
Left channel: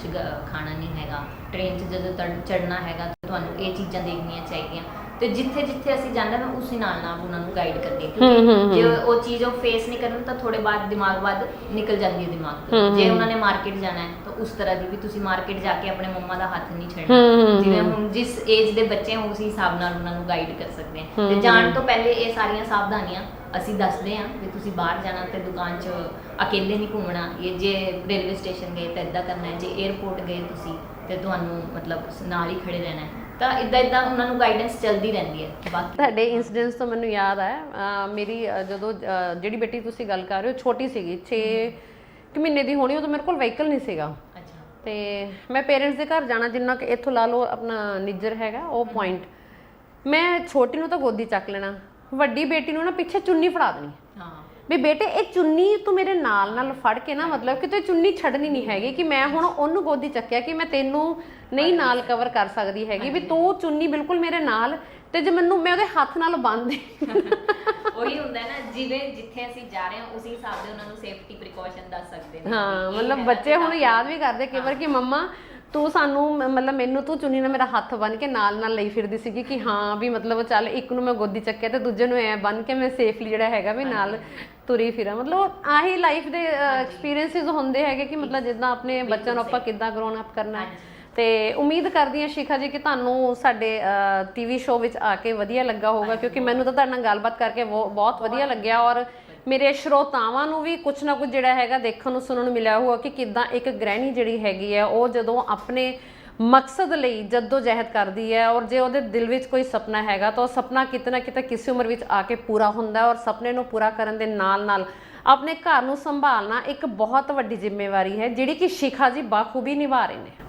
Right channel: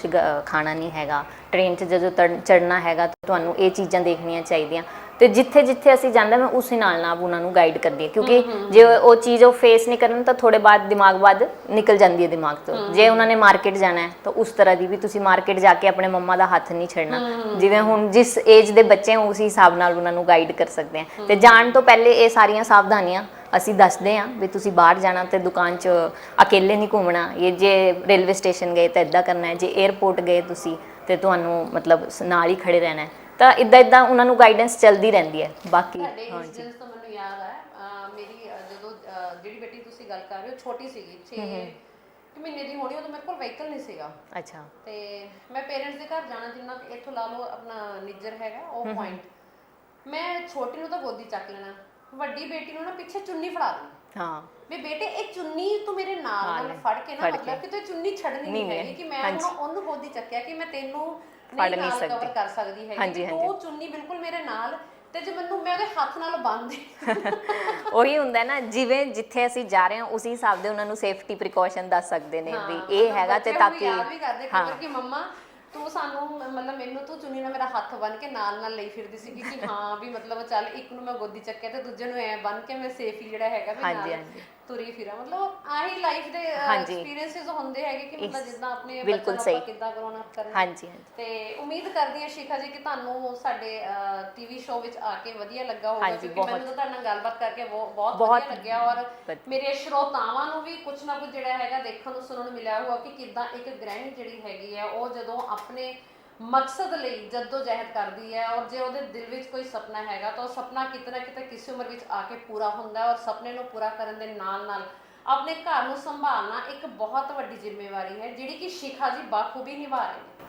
ਖਾਣਾ ਨਹੀਂ ਹੈਗਾ, ਟ੍ਰੇਨ 'ਚ ਜਦੋਂ ਚੜ੍ਹਨਾ ਹੈਗਾ ਤਾਂ ਤੁਹਾਨੂੰ ਇਹ ਚੀਜ਼ਾਂ ਦੇਖਣੀਆਂ ਚਾਹੀਦੀਆਂ, ਤੇ ਜਿੱਥੇ ਜਿੱਥੇ ਅਸੀਂ ਜਾਂਦੇ ਮੈਂ ਉਸੇ ਨਾਲ ਉਹਨਾਂ ਨੂੰ ਗਾਈਡ ਕਰਦੀ ਹਾਂ, ਕਿਉਂਕਿ ਜੇ ਉਹ ਚੀਜ਼ ਉਹ ਫੇਸ ਨਹੀਂ ਕਰਨ ਤਾਂ ਥੋੜੇ ਬਾਅਦ ਦਿਮਾਗ ਬਾਅਦ ਨਿਕਲ ਜਾਂਦੀ ਹੈ ਦਿਮਾਗ ਤੋਂ। ਜੇ ਉਹਨਾਂ ਨੇ ਮਾਰਕੀਟ ਜਾਣਾ ਹੈ ਤਾਂ ਉਸ ਤਰ੍ਹਾਂ ਦੀ ਵੀ ਤੁਸੀਂ ਮਾਰਕੀਟ ਜਾ ਕੇ ਆਪਣੇ ਮੰਮਾ ਦਾ ਹੱਥ ਨਹੀਂ ਛੱਡਣਾ, ਜਿਵੇਂ ਹੁਣ ਜਿਸ ਏਜ ਦੇ ਬੱਚੇ ਉਸ ਹਿਸਾਬ ਨਾਲ ਉਹਨਾਂ ਨੂੰ ਗਾਈਡ ਕਰ ਸਕਦੇ ਹਾਂ। ਤੇ ਜਾਣ ਤੋਂ ਪਹਿਲੇ ਇਹ ਸਾਰੀਆਂ ਸਾਵਧਾਨੀਆਂ ਅਸੀਂ ਦੱਸਦੇ ਹਾਂ ਵੀ ਤੁਸੀਂ ਬਾਹਰ ਜਾਣਾ ਤੇ ਦੁਕਾਨ 'ਚ ਅਕੇਲੇ ਨਹੀਂ ਘੁੰਮਣਾ, ਇਹ ਜੇ ਰੇਲਵੇ ਸਟੇਸ਼ਨ ਗਏ ਤਾਂ ਇੱਦਾਂ ਕਰਨਾ ਹੈ, ਜੇ 에ਅਰਪੋਰਟ ਗਏ ਤੁਸੀਂ ਤੇ ਤੁਹਾਨੂੰ ਮਤਲਬ ਨਾਲ ਹੀ ਖੜੇ ਰਹਿਣਾ ਹੈ, ਤਾਂ ਇਦਾਂ ਉਹਨਾਂ ਨੂੰ ਗਾਈਡੈਂਸ ਚੱਲਦੀ ਰਹਿੰਦੀ ਹੈ। ਬਾਕੀ ਤੁਹਾਡੇ ਇਨਸੀਡੈਂਟਸ ਤੋਂ ਮੈਨੂੰ ਯਾਦ ਆਇਆ, ਮੇਰੀ ਜਦੋਂ ਜਿਹੜੀ ਬੇਟੀ ਤੁਸੀਂ ਗੱਲ ਕਰ ਰਹੇ ਹੋ ਛੋਟੀ ਸੀਗੀ, 6 ਮਹੀਨੇ ਦੀ ਹੋਣੀ, ਉਦੋਂ ਮੇਰੇ ਕੋਲ ਵਹੀਕਲ ਨਹੀਂ ਸੀਗਾ। ਅੱਛਾ। ਤੇ ਮੈਂ ਪੇਰੈਂਟਸ ਦੇ ਘਰ ਜਾਣਾ, ਜਿੰਨਾ ਕਿ ਇੱਥੋਂ ਲਾ ਲਓ ਆਪਣਾ ਨਿੱਜਰ ਹੈਗਾ ਉਹ ਪੁਆਇੰਟ, ਮੈਂ ਛੋਟੀ ਨੂੰ ਤਾਂ ਗੋਦੀ ਚੱਕ ਲੈਣਾ, ਵੱਡੀ ਬੇਟੀ ਨੂੰ ਨਾ ਪਿੱਛੇ ਚੁੰਨੀ ਫੜਾ ਦੇਣੀ, ਹਾਂ ਵੀ ਬੇਟੇ ਇਹ ਚੁੰਨੀ ਤੂੰ ਮੇਰੇ ਨਾਲ ਫੜ ਕੇ ਨਾ, ਮਤਲਬ ਕਿ ਤੂੰ ਚੁੰਨੀ ਛੱਡਣੀ ਨਹੀਂ ਹੈਗੀ, ਕਿ ਮੈਂ ਹੁਣ ਉਹਨੂੰ ਗੋਦੀ ਚੱਕਿਆ ਕਿ ਮੈਂ ਤੈਨੂੰ ਨਹੀਂ ਨਾਲ ਕਵਰ ਕਰ ਸਕਦੀ ਹੈਗੀ, ਵੀ ਤੂੰ ਚੁੰਨੀ ਬਿਲਕੁਲ ਮੇਰੇ ਨਾਲ, ਤੇ ਜੇ ਮੈਂ ਉਹਦੇ ਹੱਥ ਨਾਲ ਬੰਨ੍ਹਦੀ ਉਹੀ ਹੁੰਦਾ ਨਾ, ਜਿਵੇਂ ਜਿੱਥੇ ਅਸੀਂ ਜਾ ਰਹੇ ਹਾਂ ਉਸੇ ਹਿਸਾਬ ਦੇ ਉਹਨਾਂ ਨੂੰ ਸੇਫਟੀ ਪ੍ਰੀਕਾਸ਼ਨ ਦੱਸ ਸਕਦੇ ਨੇ ਵੀ ਇਹ ਹੈਗਾ। ਬੱਚੇ ਹੁਣ ਯਾਦ ਵੀ ਕਰਦੇ ਕਈ ਵਾਰ ਕਿ ਮੰਮਾ ਤੂੰ ਸਾਨੂੰ ਮਤਲਬ ਮੈਨੂੰ ਤੂੰ ਚੁੰਨੀ ਨਾਲ ਮੇਰਾ ਹੱਥ ਬੰਨ ਕੇ ਨਾਲ ਲਈ ਫਿਰਦੀ ਸੀਗੀ, ਕਿ ਹਾਂ ਵੀ ਮਤਲਬ ਚੱਲ ਇੱਕ ਨੂੰ ਮੈਂ ਗੋਦੀ ਚੱਕਿਆ ਤੇ ਦੂਜੇ ਨੂੰ ਐ ਬੰਨ ਕੇ ਮੈਂ ਸੇਫਲੀ ਜਿਹੜਾ ਹੈਗਾ ਵੀ ਨਾਲ ਤੁਰੀ ਫਿਰਾਂ। ਮਤਲਬ ਆਹੀ ਲਾਈਫ ਦੇ ਐਕਸਪੀਰੀਐਂਸਸ ਹੁੰਦੇ ਹੈਗੇ ਕਿ ਮਤਲਬ ਜਿੱਦਾਂ ਆਪਣੇ ਬੱਚਿਆਂ ਨੂੰ ਆਪਾਂ ਕਿੱਦਾਂ ਗਰੋਨ ਅਪ ਕਰਨਾ। ਤੇ ਉਮੀਦ ਕਰਦੀ ਹਾਂ ਸ਼ਿਖਾ ਜੀ ਕਿ ਤੁਹਾਨੂੰ ਸਾਡੇ ਟੀਵੀ ਸ਼ੋਅ ਵਿੱਚ ਆ ਕੇ ਵਧੀਆ ਲੱਗਾ ਹੋਊਗਾ, ਕਿਉਂਕਿ ਮੈਨੂੰ ਤਾਂ ਤੁਹਾਡੇ ਨਾਲ ਗੱਲਬਾਤ ਕਰਕੇ ਬਹੁਤ ਵਧੀਆ ਲੱਗਿਆ, ਔਰ ਮੇਰੇ ਸਰੋਤਾਵਾਂ ਨੂੰ ਵੀ ਕੁਝ ਨਾ ਕੁਝ ਜਿਹੜਾ ਹੈਗਾ ਦੇਖਣ ਨੂੰ ਸੁਣਨ ਨੂੰ ਮਿਲਿਆ ਹੋਊਗਾ ਕਿ ਕਿੱਦਾਂ ਇੱਕ ਗ੍ਰਹਿਣੀ ਜਿਹੜੀ ਹੈਗੀ ਹੈ ਉਹ ਜਦੋਂ ਆਪਣੇ ਮਕਸਦ ਲਈ ਜਹਿਦ ਕਰਦੀ ਹੈ, ਔਰ ਜੇ ਉਹਦੇ ਦਿਲ ਵਿੱਚ ਕੋਈ ਸੁਪਨਾ ਹੈਗਾ ਤਾਂ ਉਹ ਸੁਪਨਾ ਕਿਤੇ ਨਾ ਕਿਤੇ ਕਿਸੇ ਉਮਰ ਵਿੱਚ ਆ ਕੇ ਪੂਰਾ ਹੁੰਦਾ, ਔਰ ਸੁਪਨੇ ਨੂੰ ਪੂਰਾ ਕਰਨ ਦੇ ਨਾਲ ਆਪਣੇ ਘਰ ਨੂੰ ਸੰਭਾਲਣਾ ਇੱਕ ਬਹੁਤ ਵੱਡੀ ਜ਼ਿੰਮੇਵਾਰੀ ਹੈ, ਜਿਹੜੀ ਕਿ ਸ਼ਿਖਾ ਜੀ ਬਾਖੂਬੀ ਨਿਭਾ ਰਹੇ ਨੇ।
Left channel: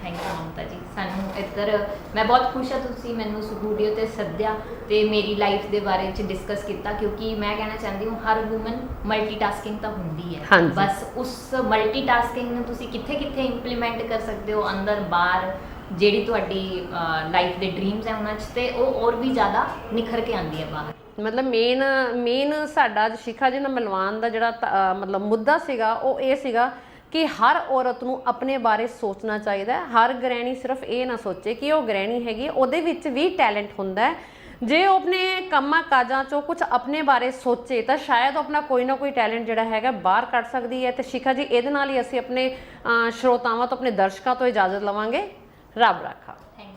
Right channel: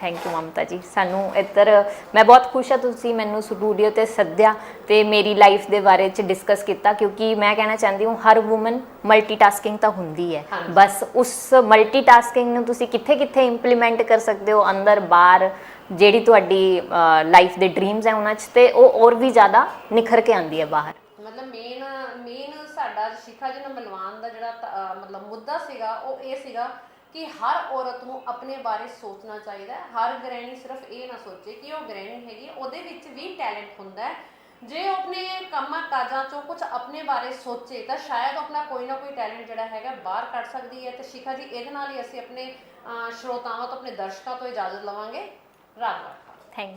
ਥੈਂਕ ਯੂ ਮਮਤਾ ਜੀ, ਸਾਨੂੰ ਇੱਧਰ ਮੈਂ ਬਹੁਤ ਖੁਸ਼ ਹਾਂ ਤੁਸੀਂ ਮੈਨੂੰ ਸਟੂਡੀਓ ਤੇ ਸੱਦਿਆ ਤੇ ਮੇਰੀ ਲਾਈਫ ਦੇ ਬਾਰੇ ਚ ਡਿਸਕਸ ਕੀਤਾ, ਕਿਉਂਕਿ ਮੈਂ ਕਹਿਣਾ ਚਾਹੁੰਦੀ ਹਾਂ ਹਰ ਵੂਮਨ ਮਲਟੀਟਾਸਕਿੰਗ ਤਾਂ ਹੁੰਦੀ ਹੈ, ਬਸ ਉਸ ਮਲਟੀਟਾਸਕਿੰਗ ਨੂੰ ਤੁਸੀਂ ਕਿੱਥੇ ਇੰਪਲੀਮੈਂਟ ਕਰ ਸਕਦੇ ਹੋ, ਅੰਦਰ ਬਾਹਰ, ਜਿਹੜੀ ਤੁਹਾਡੀ ਲਾਈਫ ਦੇ ਡ੍ਰੀਮਸ ਹੈ ਉਹਨਾਂ 'ਚ, ਤੇ ਉਹ ਹੋਰ ਵੀ ਜ਼ਿਆਦਾ ਨਿਖਰ ਕੇ ਆਉਂਦੀ ਹੈ ਬਾਹਰ। ਮਤਲਬ ਮੇਨ ਸਾਡਾ ਸ਼ਿਖਾ ਜੀ ਨਾਲ ਮਿਲਵਾਉਣ ਦਾ ਜਿਹੜਾ ਮਤਲਬ ਮੁੱਦਾ ਸੀਗਾ ਉਹ ਇਹ ਸੀਗਾ ਕਿ ਹਰ ਔਰਤ ਨੂੰ ਆਪਣੇ ਬਾਰੇ ਸੋਚਣਾ ਚਾਹੀਦਾ ਹੈ। ਹਰ ਗ੍ਰਹਿਣੀ ਸਿਰਫ ਇਹ ਨਾ ਸੋਚੇ ਕਿ ਉਹ ਗ੍ਰਹਿਣੀ ਹੈਗੀ, ਉਹਦੇ ਵਿੱਚ ਵੀ ਟੈਲੈਂਟ ਹੁੰਦਾ ਹੈ। ਜੇ ਉਹ ਆਪਣੇ ਕੰਮਾਂ ਕਾਜਾਂ ਚੋਂ ਕੁਝ ਆਪਣੇ ਬਾਰੇ ਸੋਚੇ ਤਾਂ ਸ਼ਾਇਦ ਉਹ ਆਪਣਾ ਕੋਈ ਨਾ ਕੋਈ ਟੈਲੈਂਟ ਜਿਹੜਾ ਹੈਗਾ ਬਾਹਰ ਕੱਢ ਸਕਦੀ ਹੈ। ਤੇ ਸ਼ਿਖਾ ਜੀ ਇਹਦੇ ਨਾਲ ਹੀ ਅਸੀਂ ਆਪਣੇ ਸਰੋਤਾਵਾਂ ਤੋਂ, ਆਪਣੇ ਦਰਸ਼ਕਾਂ ਤੋਂ ਇਜਾਜ਼ਤ ਲਵਾਂਗੇ। ਰੱਬ ਰਾਖਾ। Thank you.